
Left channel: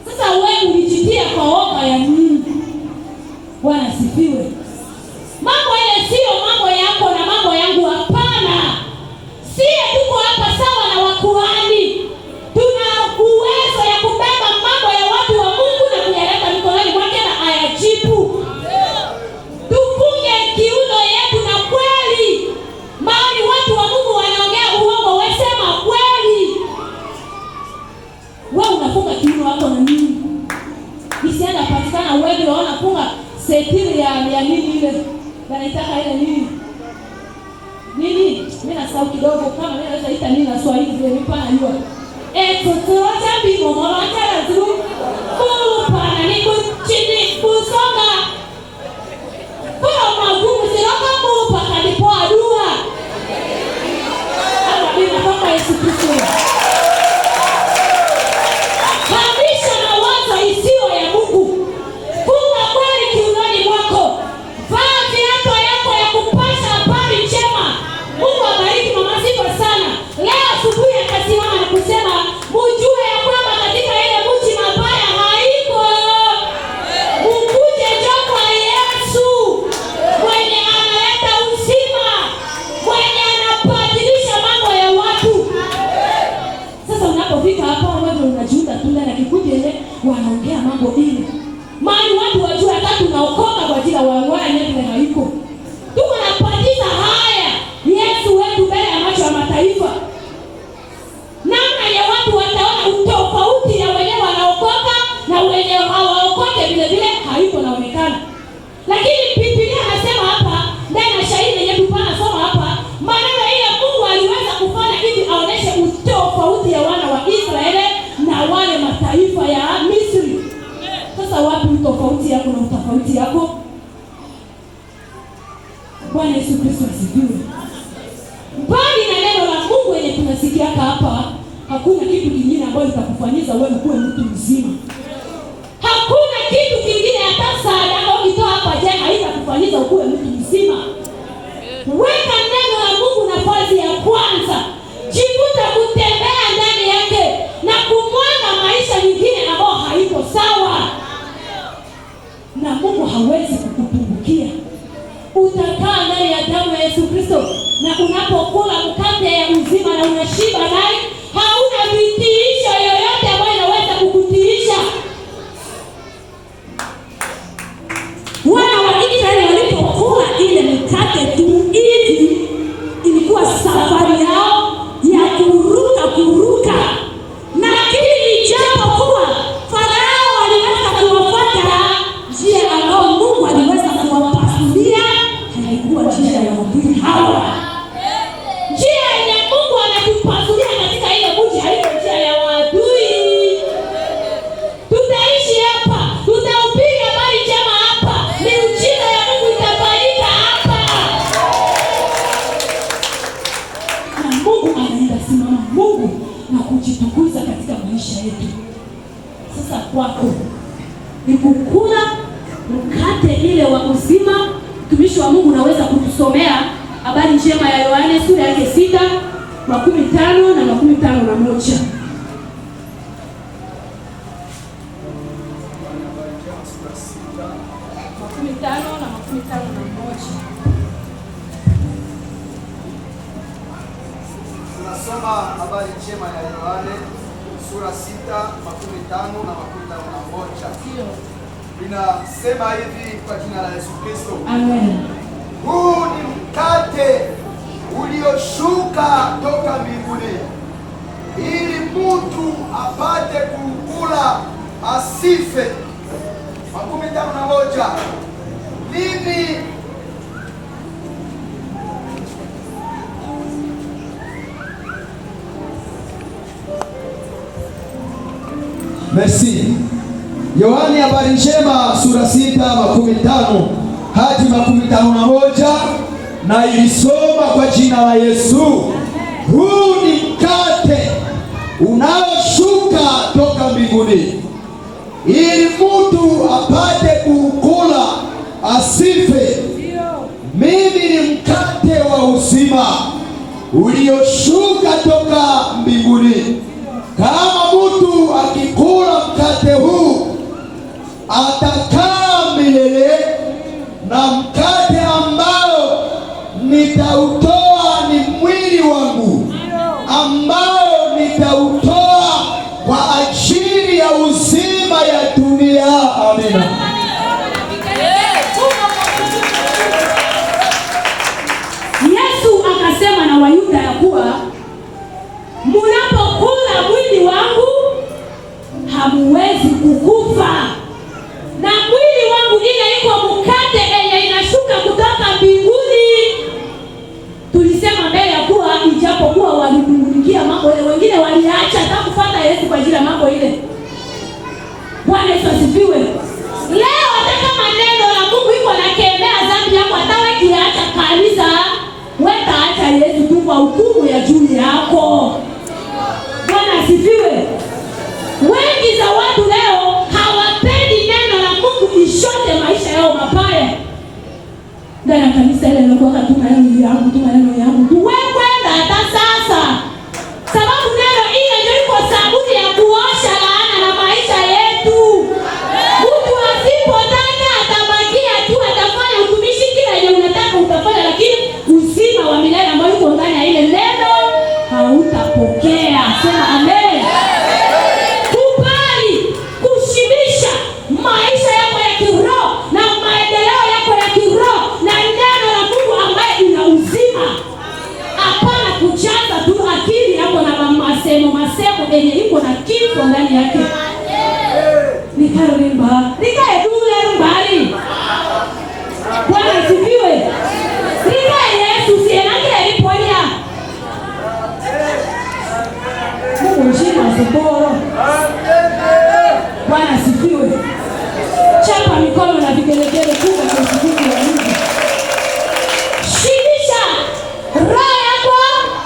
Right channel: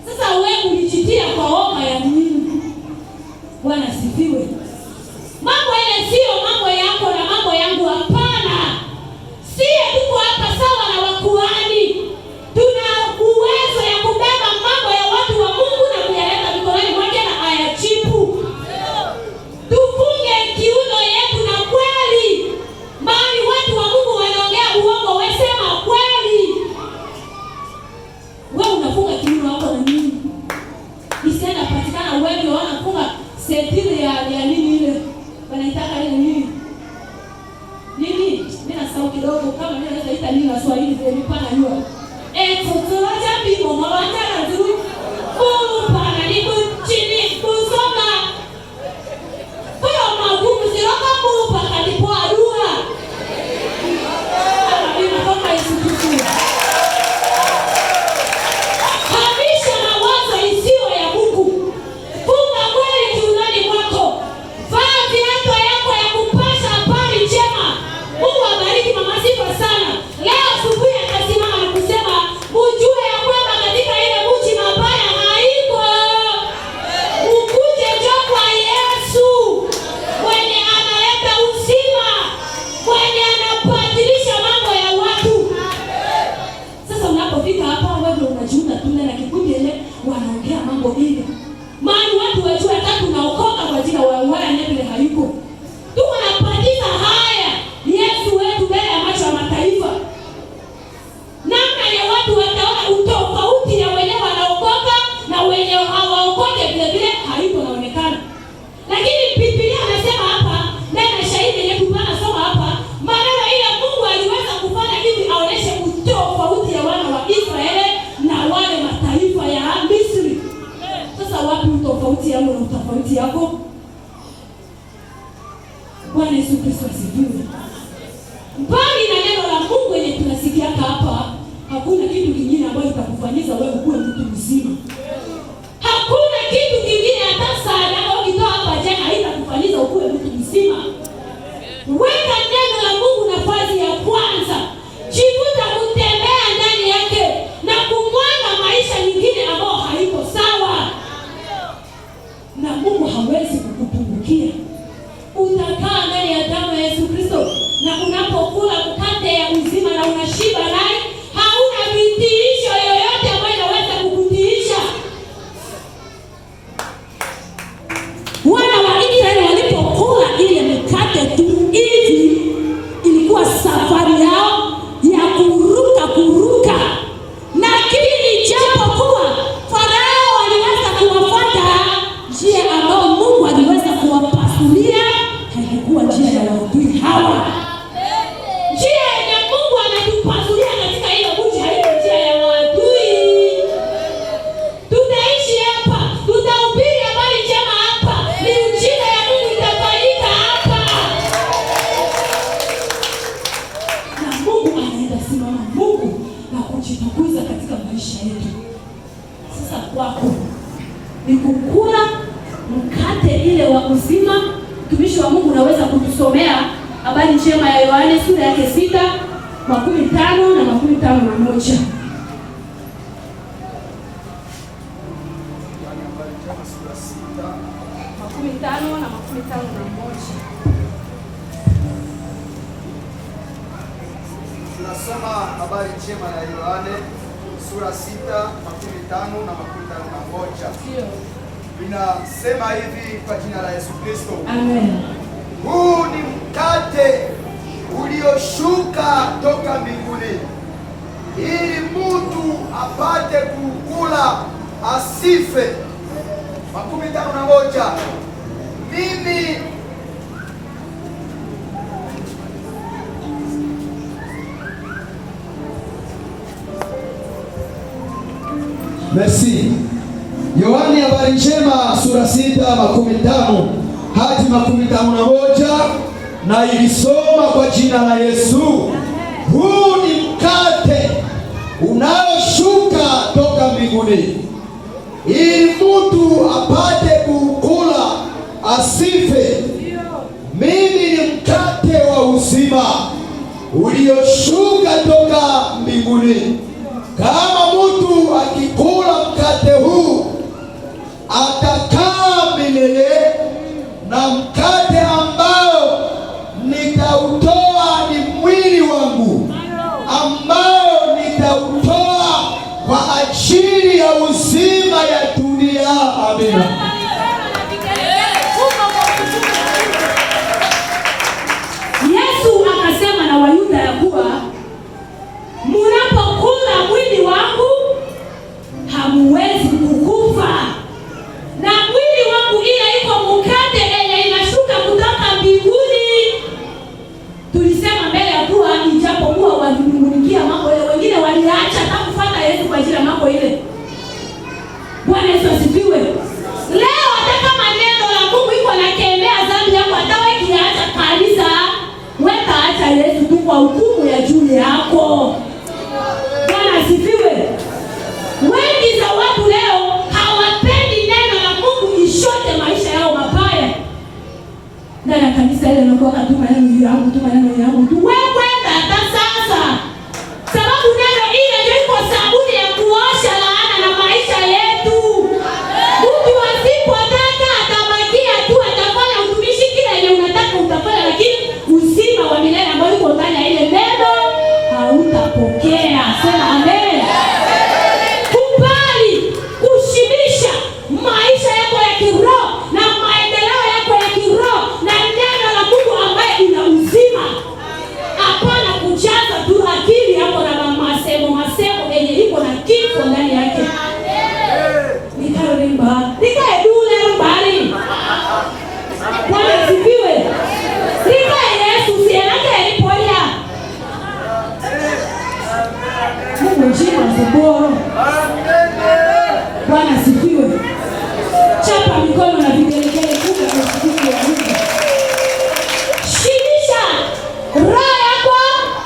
Sasa wewe ulijitia kwa oga ya Mungu. Bwana sifiwe. Mambo yale sio mambo yako na mambo yangu, hapana. Sisi tuko hapa sawa na wakuhani. Tuna uwezo ya kubeba mambo ya watu wa Mungu na kuyaleta mikononi mwake na ayajibu. Tufunge kiuno yetu na kweli. Maana watu wa Mungu wanaongea uongo, wewe sema kweli. Wewe unafunga kiuno wako na nini? Isienda patikana wewe unafunga setiri ya nini ile? Wanaitaka ile nini? Nini? Mimi nasahau kidogo, kama mimi naweza ita nini na Swahili ndio mpana hiyo. Tutoacha bibo mwacha tu. Pana ni chini kusoma. Kwa magumu siroka mupa alipo adua. Hapa mimi natoka Yesu. Kabisha mawazo isiyo ya Mungu. Funga kweli kiunoni mwako. Vaa viatu yako ya kupasha habari njema. Mungu abariki mama sifa sana. Leo asubuhi akasimama na kusema, "Mjue ya kwamba katika ile mji mabaya haiko. Mkuje njoo kwa Yesu, mwenye analeta uzima, mwenye anabadilisha mambo ya watu." Sasa unapofika hapa wewe unajiunga tu na kikundi ile wanaongea mambo hili. Maana watu wajue hata tunaokoka kwa ajili ya wangwaya nyingi na haiko. Tuko napatiza haya Yesu wetu mbele ya macho ya mataifa. Namna ya watu wataona utofauti ya wenyewe wanaokoka na wenyewe hawaokoke vile vile haiko naonekana. Lakini Biblia anasema hapa, ndani ya shahidi yetu pana soma hapa, maneno ile Mungu aliweza kufanya hivi aoneshe utofauti ya wana wa Israeli na wale mataifa ya Misri. Sasa wapi utofauti yangu na utofauti yako? Bwana Yesu Kristo asifiwe. Mbali na neno la Mungu yenye tunasikia hapa, hakuna kitu kingine ambacho kitakufanyia wewe kuwa mtu mzima. Hakuna kitu kingine hata sadaka ukitoa hapa je, haitakufanyia uwe mtu mzima. Weka neno la Mungu nafasi ya kwanza. Jifunze kutembea ndani yake na kumwanga maisha mengine ambayo haiko sawa. Na Mungu hawezi kukupungukia. Utakaa ndani ya damu ya Yesu Kristo, na unapokula mkate ya uzima na unashiba naye, hauna vitiisho yoyote ambayo inaweza kukutiisha. kujitukuza katika maisha yetu. Sasa kwako ni kukula mkate ile wa uzima. Mtumishi wa Mungu unaweza kutusomea habari njema ya Yohane sura yake 6:15 na 51. Tunasoma habari njema ya Yohane sura 6:15 na 51. Inasema hivi kwa jina la Yesu Kristo. Amen. Huu ni mkate ulioshuka toka mbinguni, ili mtu apate kukula asife. 51. Mimi Merci. Yohane habari njema sura 6:15 hadi 51, na ilisoma kwa jina la Yesu. Huu ni mkate unaoshuka toka mbinguni, ili mtu apate kukula asife. Mimi ni mkate wa uzima ulioshuka toka mbinguni. Kama mtu akikula mkate huu atakaa milele, na mkate ambao nitautoa ni mwili wangu ambao nitautoa kwa ajili ya uzima ya dunia. Amina. Yesu akasema na Wayuda ya kuwa mnapokula mwili wangu hamuwezi kukufa, na mwili wangu ile iko mkate yenye inashuka kutoka mbinguni. Tulisema mbele ya kuwa ijapokuwa walimungunikia mambo ile, wengine waliacha hata kufuata Yesu kwa ajili ya mambo ile. Bwana Yesu asifiwe. Leo hata kama neno la Mungu iko nakemea dhambi yako, hata wewe kiacha kanisa, wewe acha Yesu tu kwa hukumu ya juu yako. Bwana asifiwe. Wengi za watu leo hawapendi neno la Mungu ishote maisha yao mabaya. Ndani ya kanisa ile nakoka tu maneno yangu tu. Wewe kwenda hata sasa. Sababu neno ile ndio iko sabuni ya kuosha laana na maisha yetu. Mtu asipotaka atabakia tu, atafanya utumishi kile yenye unataka utafanya, lakini uzima wa milele ambao uko ndani ya ile neno hautapokea. Sema amen. Kubali kushibisha maisha yako ya kiroho na maendeleo yako ya kiroho na neno la Mungu ambaye ina uzima. Hapana kujaza tu akili yako na masemo yenye iko na kifo ndani yake. Nikae dule mbali. Bwana asifiwe. Nikae Yesu sienake aliponya. Mungu njema soboro. Bwana asifiwe. Chapa mikono na vigelegele kubwa kwa siku ya Mungu. Shibisha roho yako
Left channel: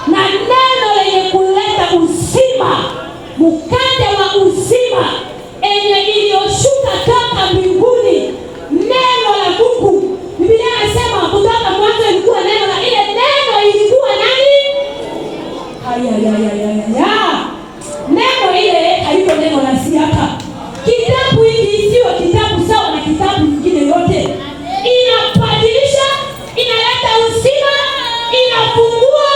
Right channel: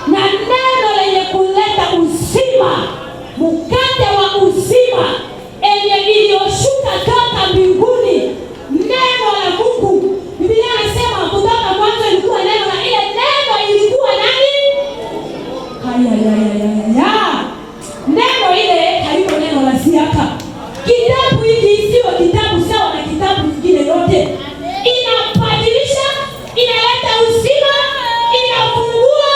na neno lenye kuleta uzima, mkate wa uzima enye iliyoshuka toka mbinguni, neno la Mungu. Biblia inasema kutoka mwanzo ilikuwa neno, na ile neno ilikuwa nani? Neno ile haliko neno la siaka. Kitabu hiki sio kitabu sawa na kitabu kingine yote. Inabadilisha, inaleta uzima, inafungua,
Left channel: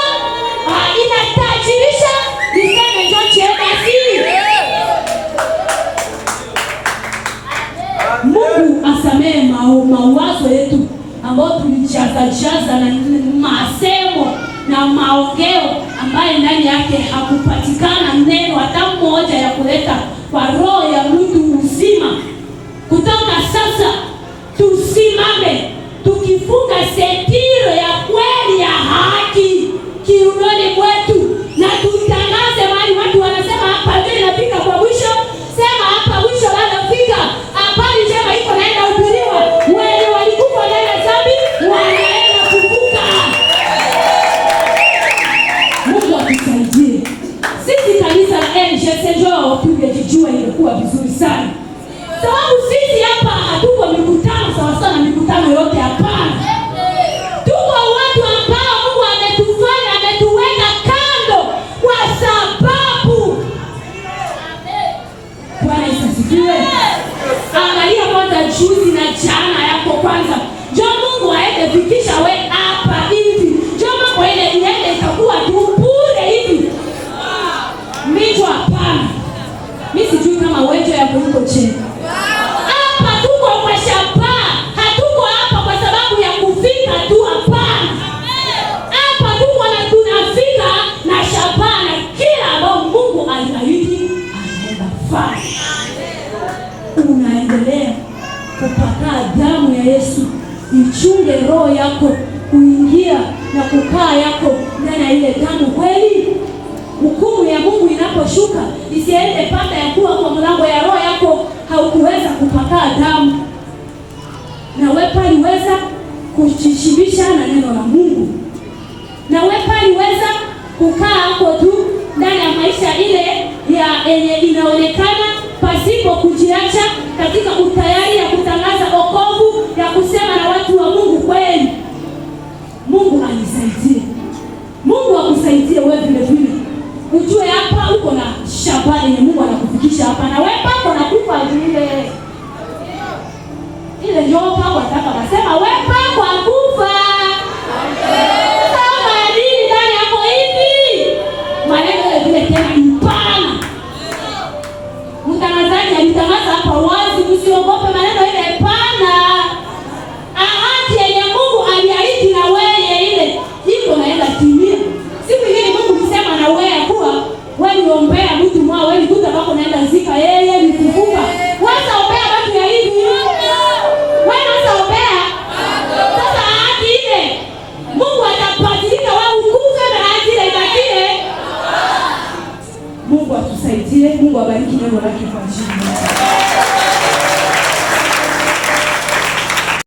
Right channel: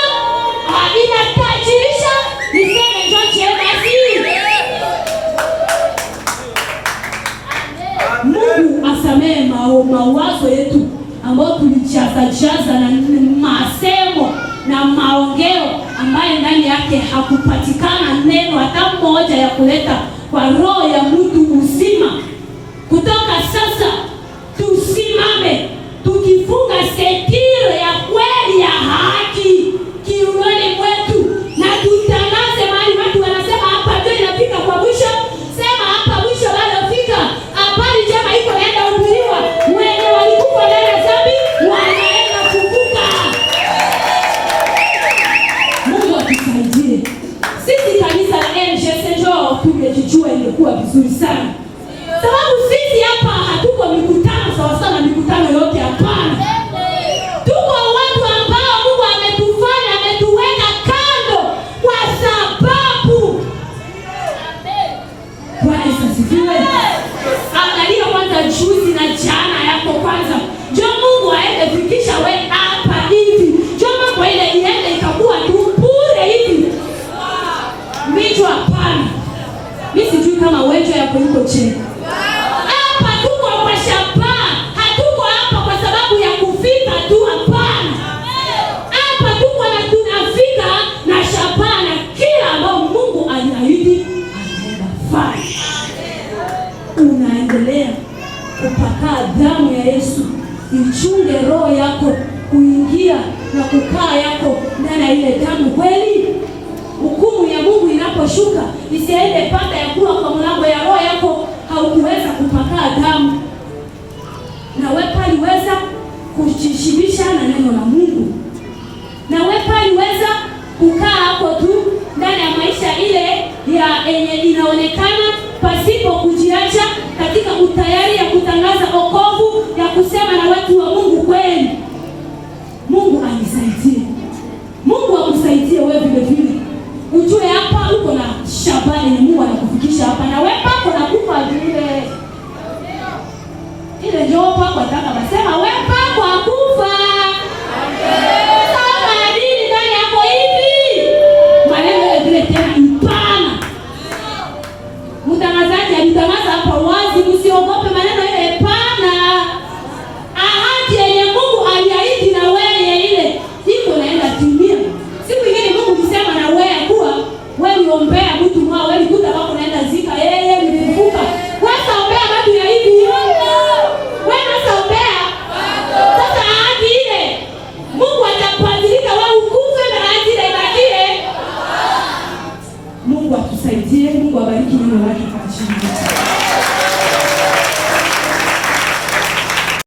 inatajirisha. Niseme chochote basi. Mungu asamee mawazo yetu ambao tulijaza na masemo na maongeo ambaye ndani yake hakupatikana neno hata moja ya kuleta kwa roho ya mtu uzima. Kutoka sasa tusimame tukifunga setiro ya kweli ya haki kiunoni mwetu, na tutangaze mahali watu wanasema hapa ndio inafika kwa mwisho. Sema hapa mwisho bado fika. Habari njema iko naenda kuhubiriwa. Wenye walikufa ndani ya dhambi wanaenda kuvuka. Mungu atusaidie. Sisi kanisa la tungejijua ingekuwa vizuri sana. Sababu sisi hapa hatuko mikutano sawa sawa na mikutano yote, hapana. Tuko watu ambao Mungu ametufanya, ametuweka kando kwa sababu. Bwana asifiwe. Angalia kwanza juzi na jana yako kwanza. Jo Mungu aefikisha wewe hapa hivi. Jo mambo ile iende itakuwa tu bure hivi. Mito hapana. Mimi sijui kama wewe yako huko chini. Hapa tuko kwa shabaha. Hatuko hapa kwa sababu ya kufika tu, hapana. Hapa tuko na tunafika na shabaha na kila ambao Mungu aliahidi anaenda fanya. Unaendelea kupaka damu ya Yesu, ichunge roho yako kuingia na kukaa yako ndani ya ile damu kweli. Hukumu ya Mungu inaposhuka isiende pata ya kuwa kwa mlango ya roho yako haukuweza kupaka damu. Na wewe paliweza kujishibisha na neno la Mungu. Na wewe paliweza kukaa hapo tu ndani ya maisha ile ya yenye inaonekana pasipo kujiacha katika utayari ya kutangaza wokovu, ya kusema na watu wa Mungu kweli. Mungu anisaidie. Mungu akusaidie wewe vile vile. Ujue hapa uko na shabani ya Mungu anakufikisha hapa, na wewe pako na kufa ile ndio pako ataka basema wewe pako